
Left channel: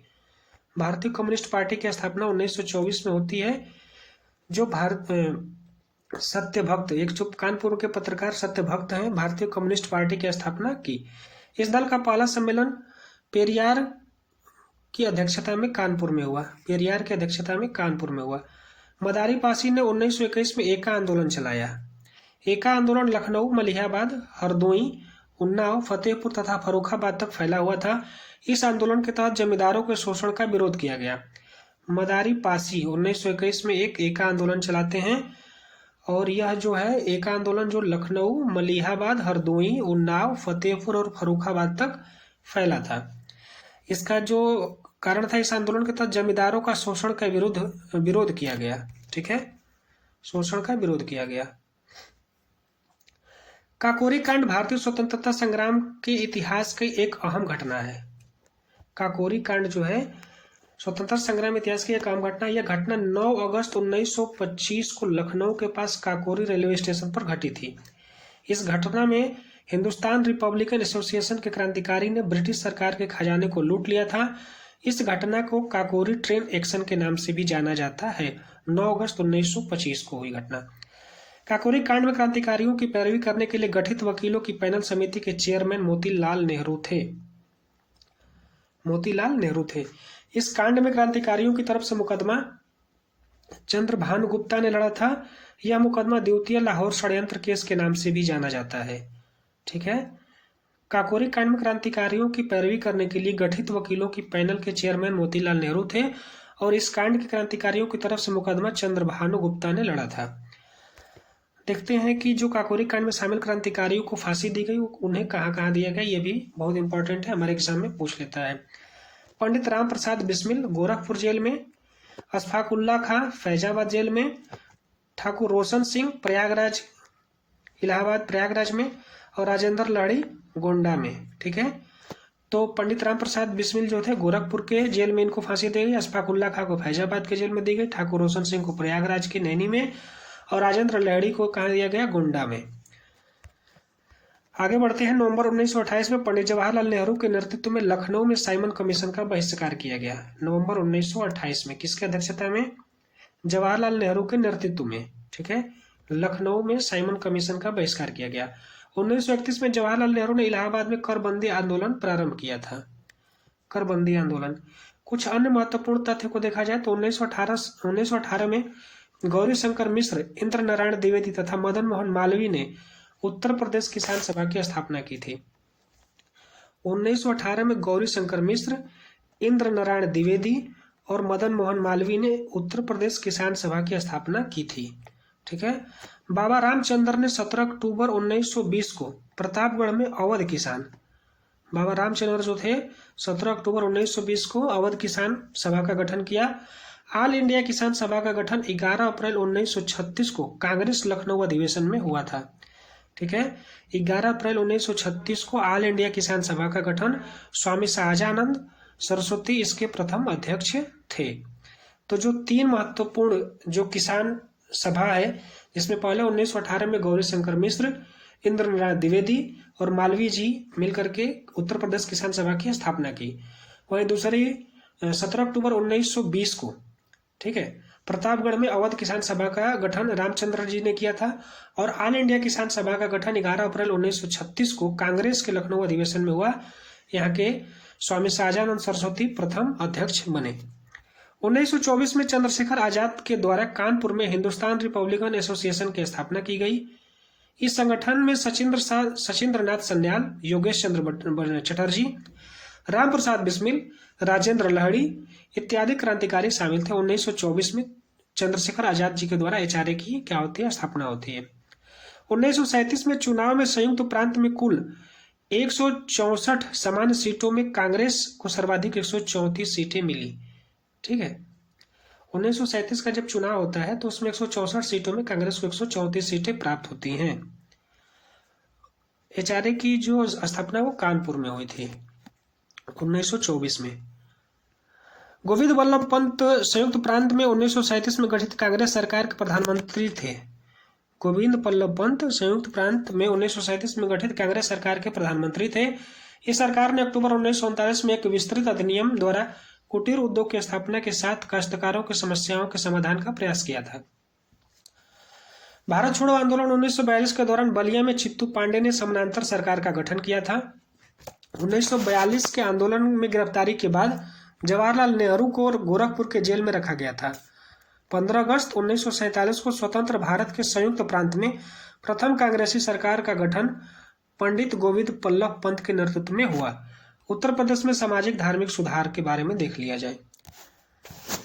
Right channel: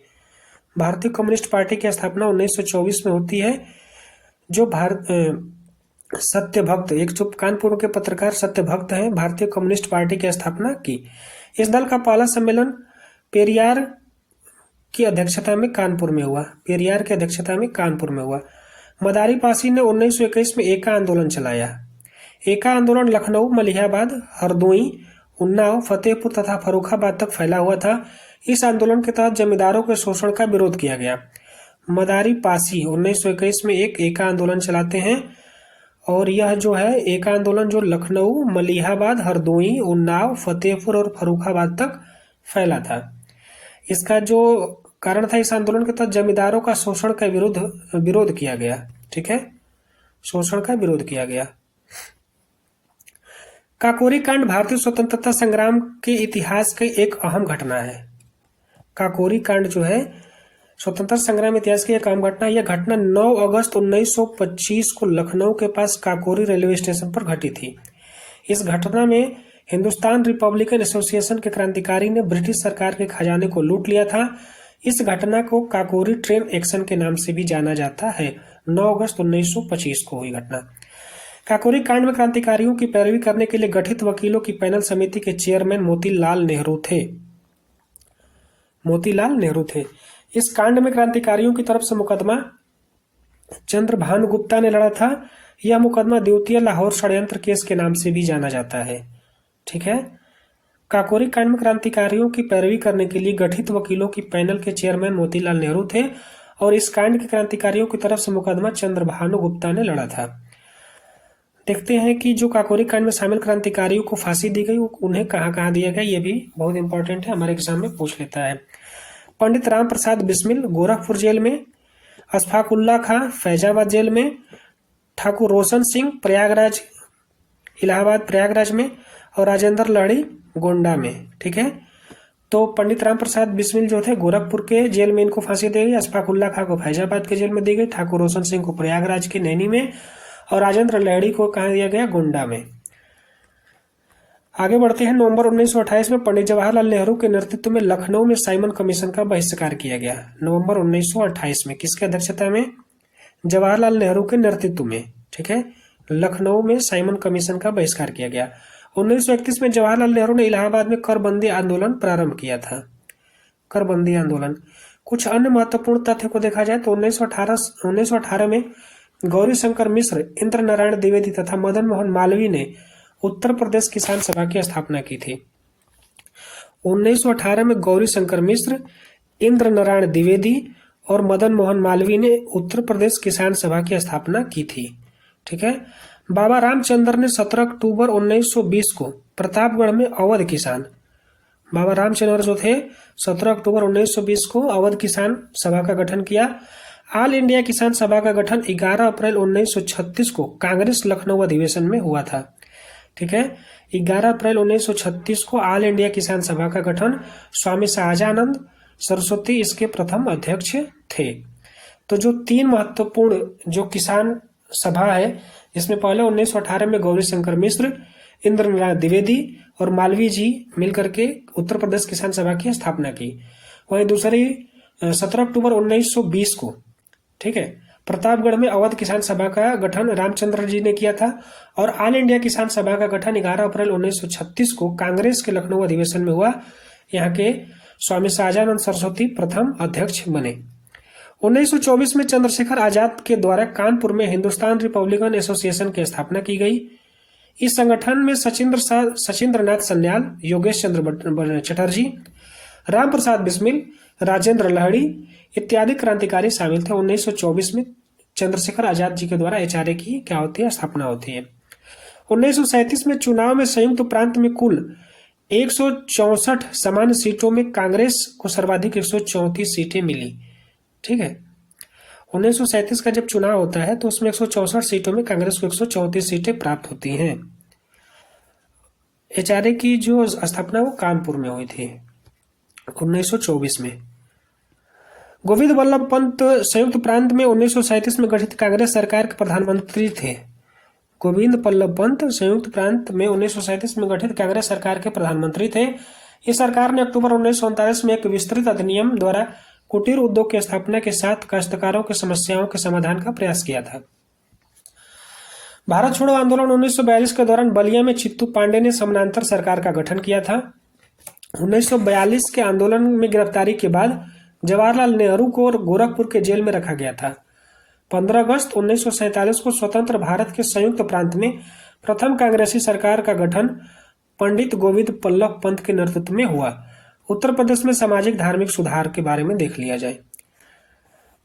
भारतीय कम्युनिस्ट पार्टी की स्थापना 1924 में होती है। जो सत्यभक्त, एक जो कानपुर के पत्रकार सत्यभक्त हैं, भारतीय कम्युनिस्ट पार्टी की स्थापना की। इस दल का पहला सम्मेलन पेरियार की अध्यक्षता में कानपुर में हुआ। पेरियार की अध्यक्षता में कानपुर में हुआ। मदारी पासी ने 1921 में एका आंदोलन चलाया। एका आंदोलन लखनऊ, मलिहाबाद, हरदोई, उन्नाव, फतेहपुर तथा फर्रुखाबाद तक फैला हुआ था। इस आंदोलन के तहत जमींदारों के शोषण का विरोध किया गया। मदारी पासी 1921 में एक एका आंदोलन चलाते हैं, और यह जो है एका आंदोलन जो लखनऊ, मलिहाबाद, हरदोई, उन्नाव, फतेहपुर और फर्रुखाबाद तक फैला था। इसका जो कारण था, इस आंदोलन के तहत जमींदारों का शोषण का विरोध किया गया। ठीक है, शोषण का विरोध किया गया। काकोरी कांड भारतीय स्वतंत्रता संग्राम के इतिहास की एक अहम घटना है। काकोरी कांड जो है स्वतंत्रता संग्राम इतिहास की एक अहम घटना। यह घटना 9 अगस्त 1925 को लखनऊ के पास काकोरी रेलवे स्टेशन पर घटी थी। इस घटना में हिंदुस्तान रिपब्लिकन एसोसिएशन के क्रांतिकारी ने ब्रिटिश सरकार के खजाने को लूट लिया था। इस घटना को काकोरी ट्रेन एक्शन के नाम से भी जाना जाता है। 9 अगस्त 1925 को हुई घटना। काकोरी कांड में क्रांतिकारियों की पैरवी करने के लिए गठित वकीलों की पैनल समिति के चेयरमैन मोतीलाल नेहरू थे। इस कांड में क्रांतिकारियों की तरफ से मुकदमा चंद्रभानु गुप्ता ने लड़ा था। यह मुकदमा द्वितीय लाहौर षड्यंत्र केस के नाम से भी जाना जाता है। ठीक है। काकोरी कांड में क्रांतिकारियों की पैरवी करने के लिए गठित वकीलों की पैनल के चेयरमैन मोतीलाल नेहरू थे और इस कांड के क्रांतिकारियों की तरफ से मुकदमा चंद्रभानु गुप्ता ने लड़ा था। देखते हैं कि जो काकोरी कांड में शामिल क्रांतिकारियों को फांसी दी गई उन्हें कहाँ कहाँ दिया गया, ये भी बहुत इंपॉर्टेंट है, हमारे एग्जाम में पूछ लेता है। पंडित राम प्रसाद बिस्मिल गोरखपुर जेल में, अशफाकुल्ला खां फैजाबाद जेल में, ठाकुर रोशन सिंह प्रयागराज इलाहाबाद प्रयागराज में और राजेंद्र लहड़ी गोंडा में। ठीक है। तो पंडित राम प्रसाद बिस्मिल जो थे गोरखपुर के जेल में इनको फांसी दी गई, अशफाकुल्ला खां को फैजाबाद के जेल में दी गई, ठाकुर रोशन सिंह को प्रयागराज के नैनी में और राजेंद्र लहड़ी को कहाँ दिया गया, गोंडा में। आगे बढ़ते हैं। नवंबर 1928 में पंडित जवाहरलाल नेहरू के नेतृत्व में लखनऊ में साइमन कमीशन का बहिष्कार किया गया। नवंबर 1928 में किसकी अध्यक्षता में, जवाहरलाल नेहरू के नेतृत्व में। ठीक है। लखनऊ में साइमन कमीशन का बहिष्कार किया गया। 1931 में जवाहरलाल नेहरू ने इलाहाबाद में करबंदी आंदोलन प्रारंभ किया था। करबंदी आंदोलन। कुछ अन्य महत्वपूर्ण तथ्यों को देखा जाए तो 1918 में गौरी शंकर मिश्र, इंद्र नारायण द्विवेदी तथा मदन मोहन मालवीय ने उत्तर प्रदेश किसान सभा की स्थापना की थी। 1918 में गौरी शंकर मिश्र, इंद्र नारायण द्विवेदी और मदन मोहन मालवीय ने उत्तर प्रदेश किसान सभा की स्थापना की थी। ठीक है। बाबा रामचंद्र ने 17 अक्टूबर 1920 को प्रतापगढ़ में अवध किसान, बाबा रामचंद्र जो थे 17 अक्टूबर 1920 को अवध किसान सभा का गठन किया। ऑल इंडिया किसान सभा का गठन 11 अप्रैल 1936 को कांग्रेस लखनऊ अधिवेशन में हुआ था। ठीक है। 11 अप्रैल 1936 को ऑल इंडिया किसान सभा का गठन, स्वामी सहजानंद सरस्वती इसके प्रथम अध्यक्ष थे। तो जो तीन महत्वपूर्ण जो किसान सभा है, इसमें पहले 1918 में गौरी शंकर मिश्र, इंद्र नारायण द्विवेदी और मालवीय जी मिलकर के उत्तर प्रदेश किसान सभा की स्थापना की। वहीं दूसरी 17 अक्टूबर 1920 को, ठीक है, प्रतापगढ़ में अवध किसान सभा का गठन रामचंद्र जी ने किया था और ऑल इंडिया किसान सभा का गठन 11 अप्रैल 1936 को कांग्रेस के लखनऊ अधिवेशन में हुआ। यहाँ के स्वामी सहजानंद सरस्वती प्रथम अध्यक्ष बने। 1924 में चंद्रशेखर आजाद के द्वारा कानपुर में हिंदुस्तान रिपब्लिकन एसोसिएशन की स्थापना की गई। इस संगठन में सचिंद्र नाथ सन्याल, योगेश चंद्र चटर्जी, राम प्रसाद बिस्मिल, राजेंद्र लहड़ी इत्यादि क्रांतिकारी शामिल थे। 1924 में चंद्रशेखर आजाद जी के द्वारा एचआरए की क्या होती है, स्थापना होती है। 1937 में चुनाव में संयुक्त प्रांत में कुल 164 सामान्य सीटों में कांग्रेस को सर्वाधिक 134 सीटें मिली। ठीक है। 1937 का जब चुनाव होता है तो उसमें 164 सीटों में कांग्रेस को 134 सीटें प्राप्त होती हैं। एचआरए की जो स्थापना वो कानपुर में हुई थी 1924 में। गोविंद वल्लभ पंत संयुक्त प्रांत में 1937 में गठित कांग्रेस सरकार के प्रधानमंत्री थे। गोविंद वल्लभ पंत संयुक्त प्रांत में 1937 में गठित कांग्रेस सरकार के प्रधानमंत्री थे। इस सरकार ने अक्टूबर 1939 में एक विस्तृत अधिनियम द्वारा कुटीर उद्योग की स्थापना के साथ काश्तकारों की समस्याओं के समाधान का प्रयास किया था। भारत छोड़ो आंदोलन 1942 के दौरान बलिया में चित्तू पांडे ने समानांतर सरकार का गठन किया था। 1942 के आंदोलन में गिरफ्तारी के बाद जवाहरलाल नेहरू को गोरखपुर के जेल में रखा गया था। 15 अगस्त 1947 को स्वतंत्र भारत के संयुक्त प्रांत में प्रथम कांग्रेसी सरकार का गठन पंडित गोविंद वल्लभ पंत के नेतृत्व में हुआ। उत्तर प्रदेश में सामाजिक धार्मिक सुधार के बारे में देख लिया जाए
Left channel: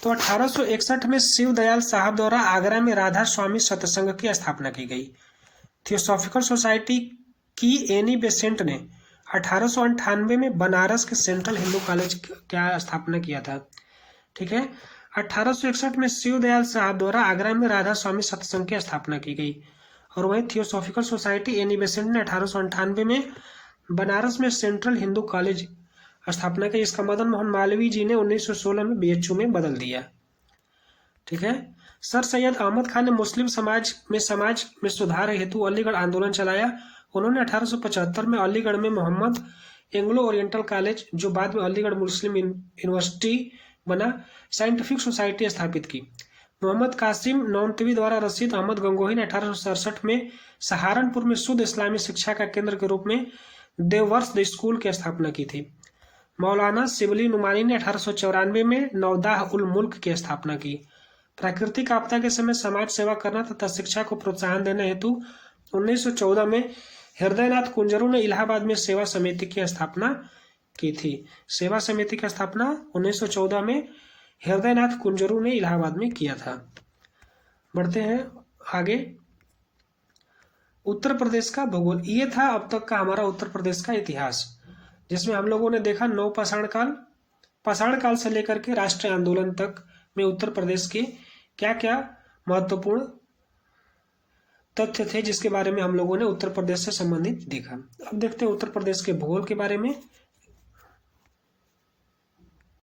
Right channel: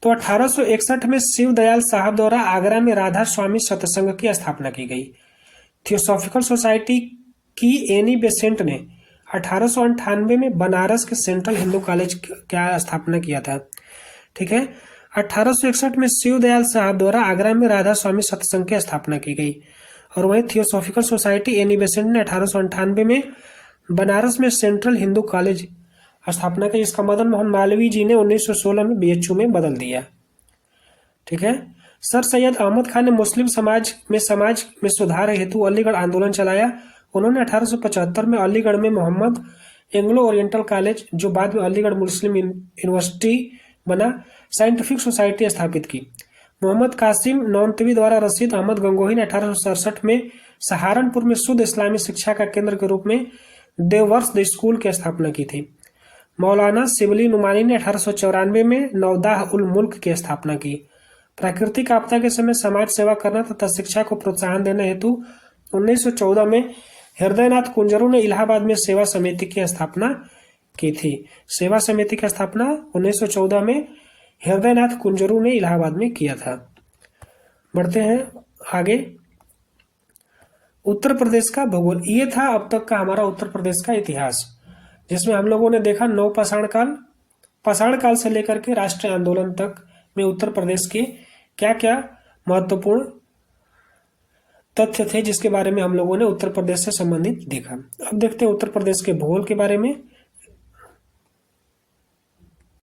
तो 1861 में शिव दयाल साहब द्वारा आगरा में राधा स्वामी सत्संग की स्थापना की गई। थियोसॉफिकल सोसाइटी की एनी बेसेंट ने 1898 में बनारस के सेंट्रल हिंदू कॉलेज का स्थापना किया था। ठीक है। 1861 में शिव दयाल साहब द्वारा आगरा में राधा स्वामी सत्संग की स्थापना की गई और वहीं थियोसॉफिकल सोसाइटी एनी बेसेंट ने 1898 में बनारस में सेंट्रल हिंदू कॉलेज स्थापना की, जिसका मदन मोहन मालवीय जी ने 1916 में बीएचयू में बदल दिया। ठीक है। सर सैयद अहमद खान ने मुस्लिम समाज में सुधार हेतु अलीगढ़ आंदोलन चलाया। उन्होंने 1875 में अलीगढ़ में मोहम्मद एंग्लो ओरिएंटल कॉलेज, जो बाद में अलीगढ़ मुस्लिम यूनिवर्सिटी बना, साइंटिफिक सोसाइटी स्थापित की। मोहम्मद कासिम नौनतवी द्वारा रशीद अहमद गंगोही ने 1867 में सहारनपुर में शुद्ध इस्लामी शिक्षा का केंद्र के रूप में देववर्ष स्कूल की स्थापना की थी। मौलाना शिबली नुमानी ने 1894 में नवदाह उल मुल्क की स्थापना की। प्राकृतिक आपदा के समय समाज सेवा करना तथा शिक्षा को प्रोत्साहन देने हेतु 1914 में हृदयनाथ कुंजरू ने इलाहाबाद में सेवा समिति की स्थापना की थी। सेवा समिति की स्थापना 1914 में हृदयनाथ कुंजरू ने इलाहाबाद में किया था। बढ़ते हैं आगे। उत्तर प्रदेश का भूगोल, ये था अब तक का हमारा उत्तर प्रदेश का इतिहास, जिसमें हम लोगों ने देखा नवपाषाण काल, पाषाण काल से लेकर के राष्ट्रीय आंदोलन तक में उत्तर प्रदेश के क्या क्या महत्वपूर्ण तथ्य थे जिसके बारे में हम लोगों ने उत्तर प्रदेश से संबंधित देखा। अब देखते हैं उत्तर प्रदेश के भूगोल के बारे में।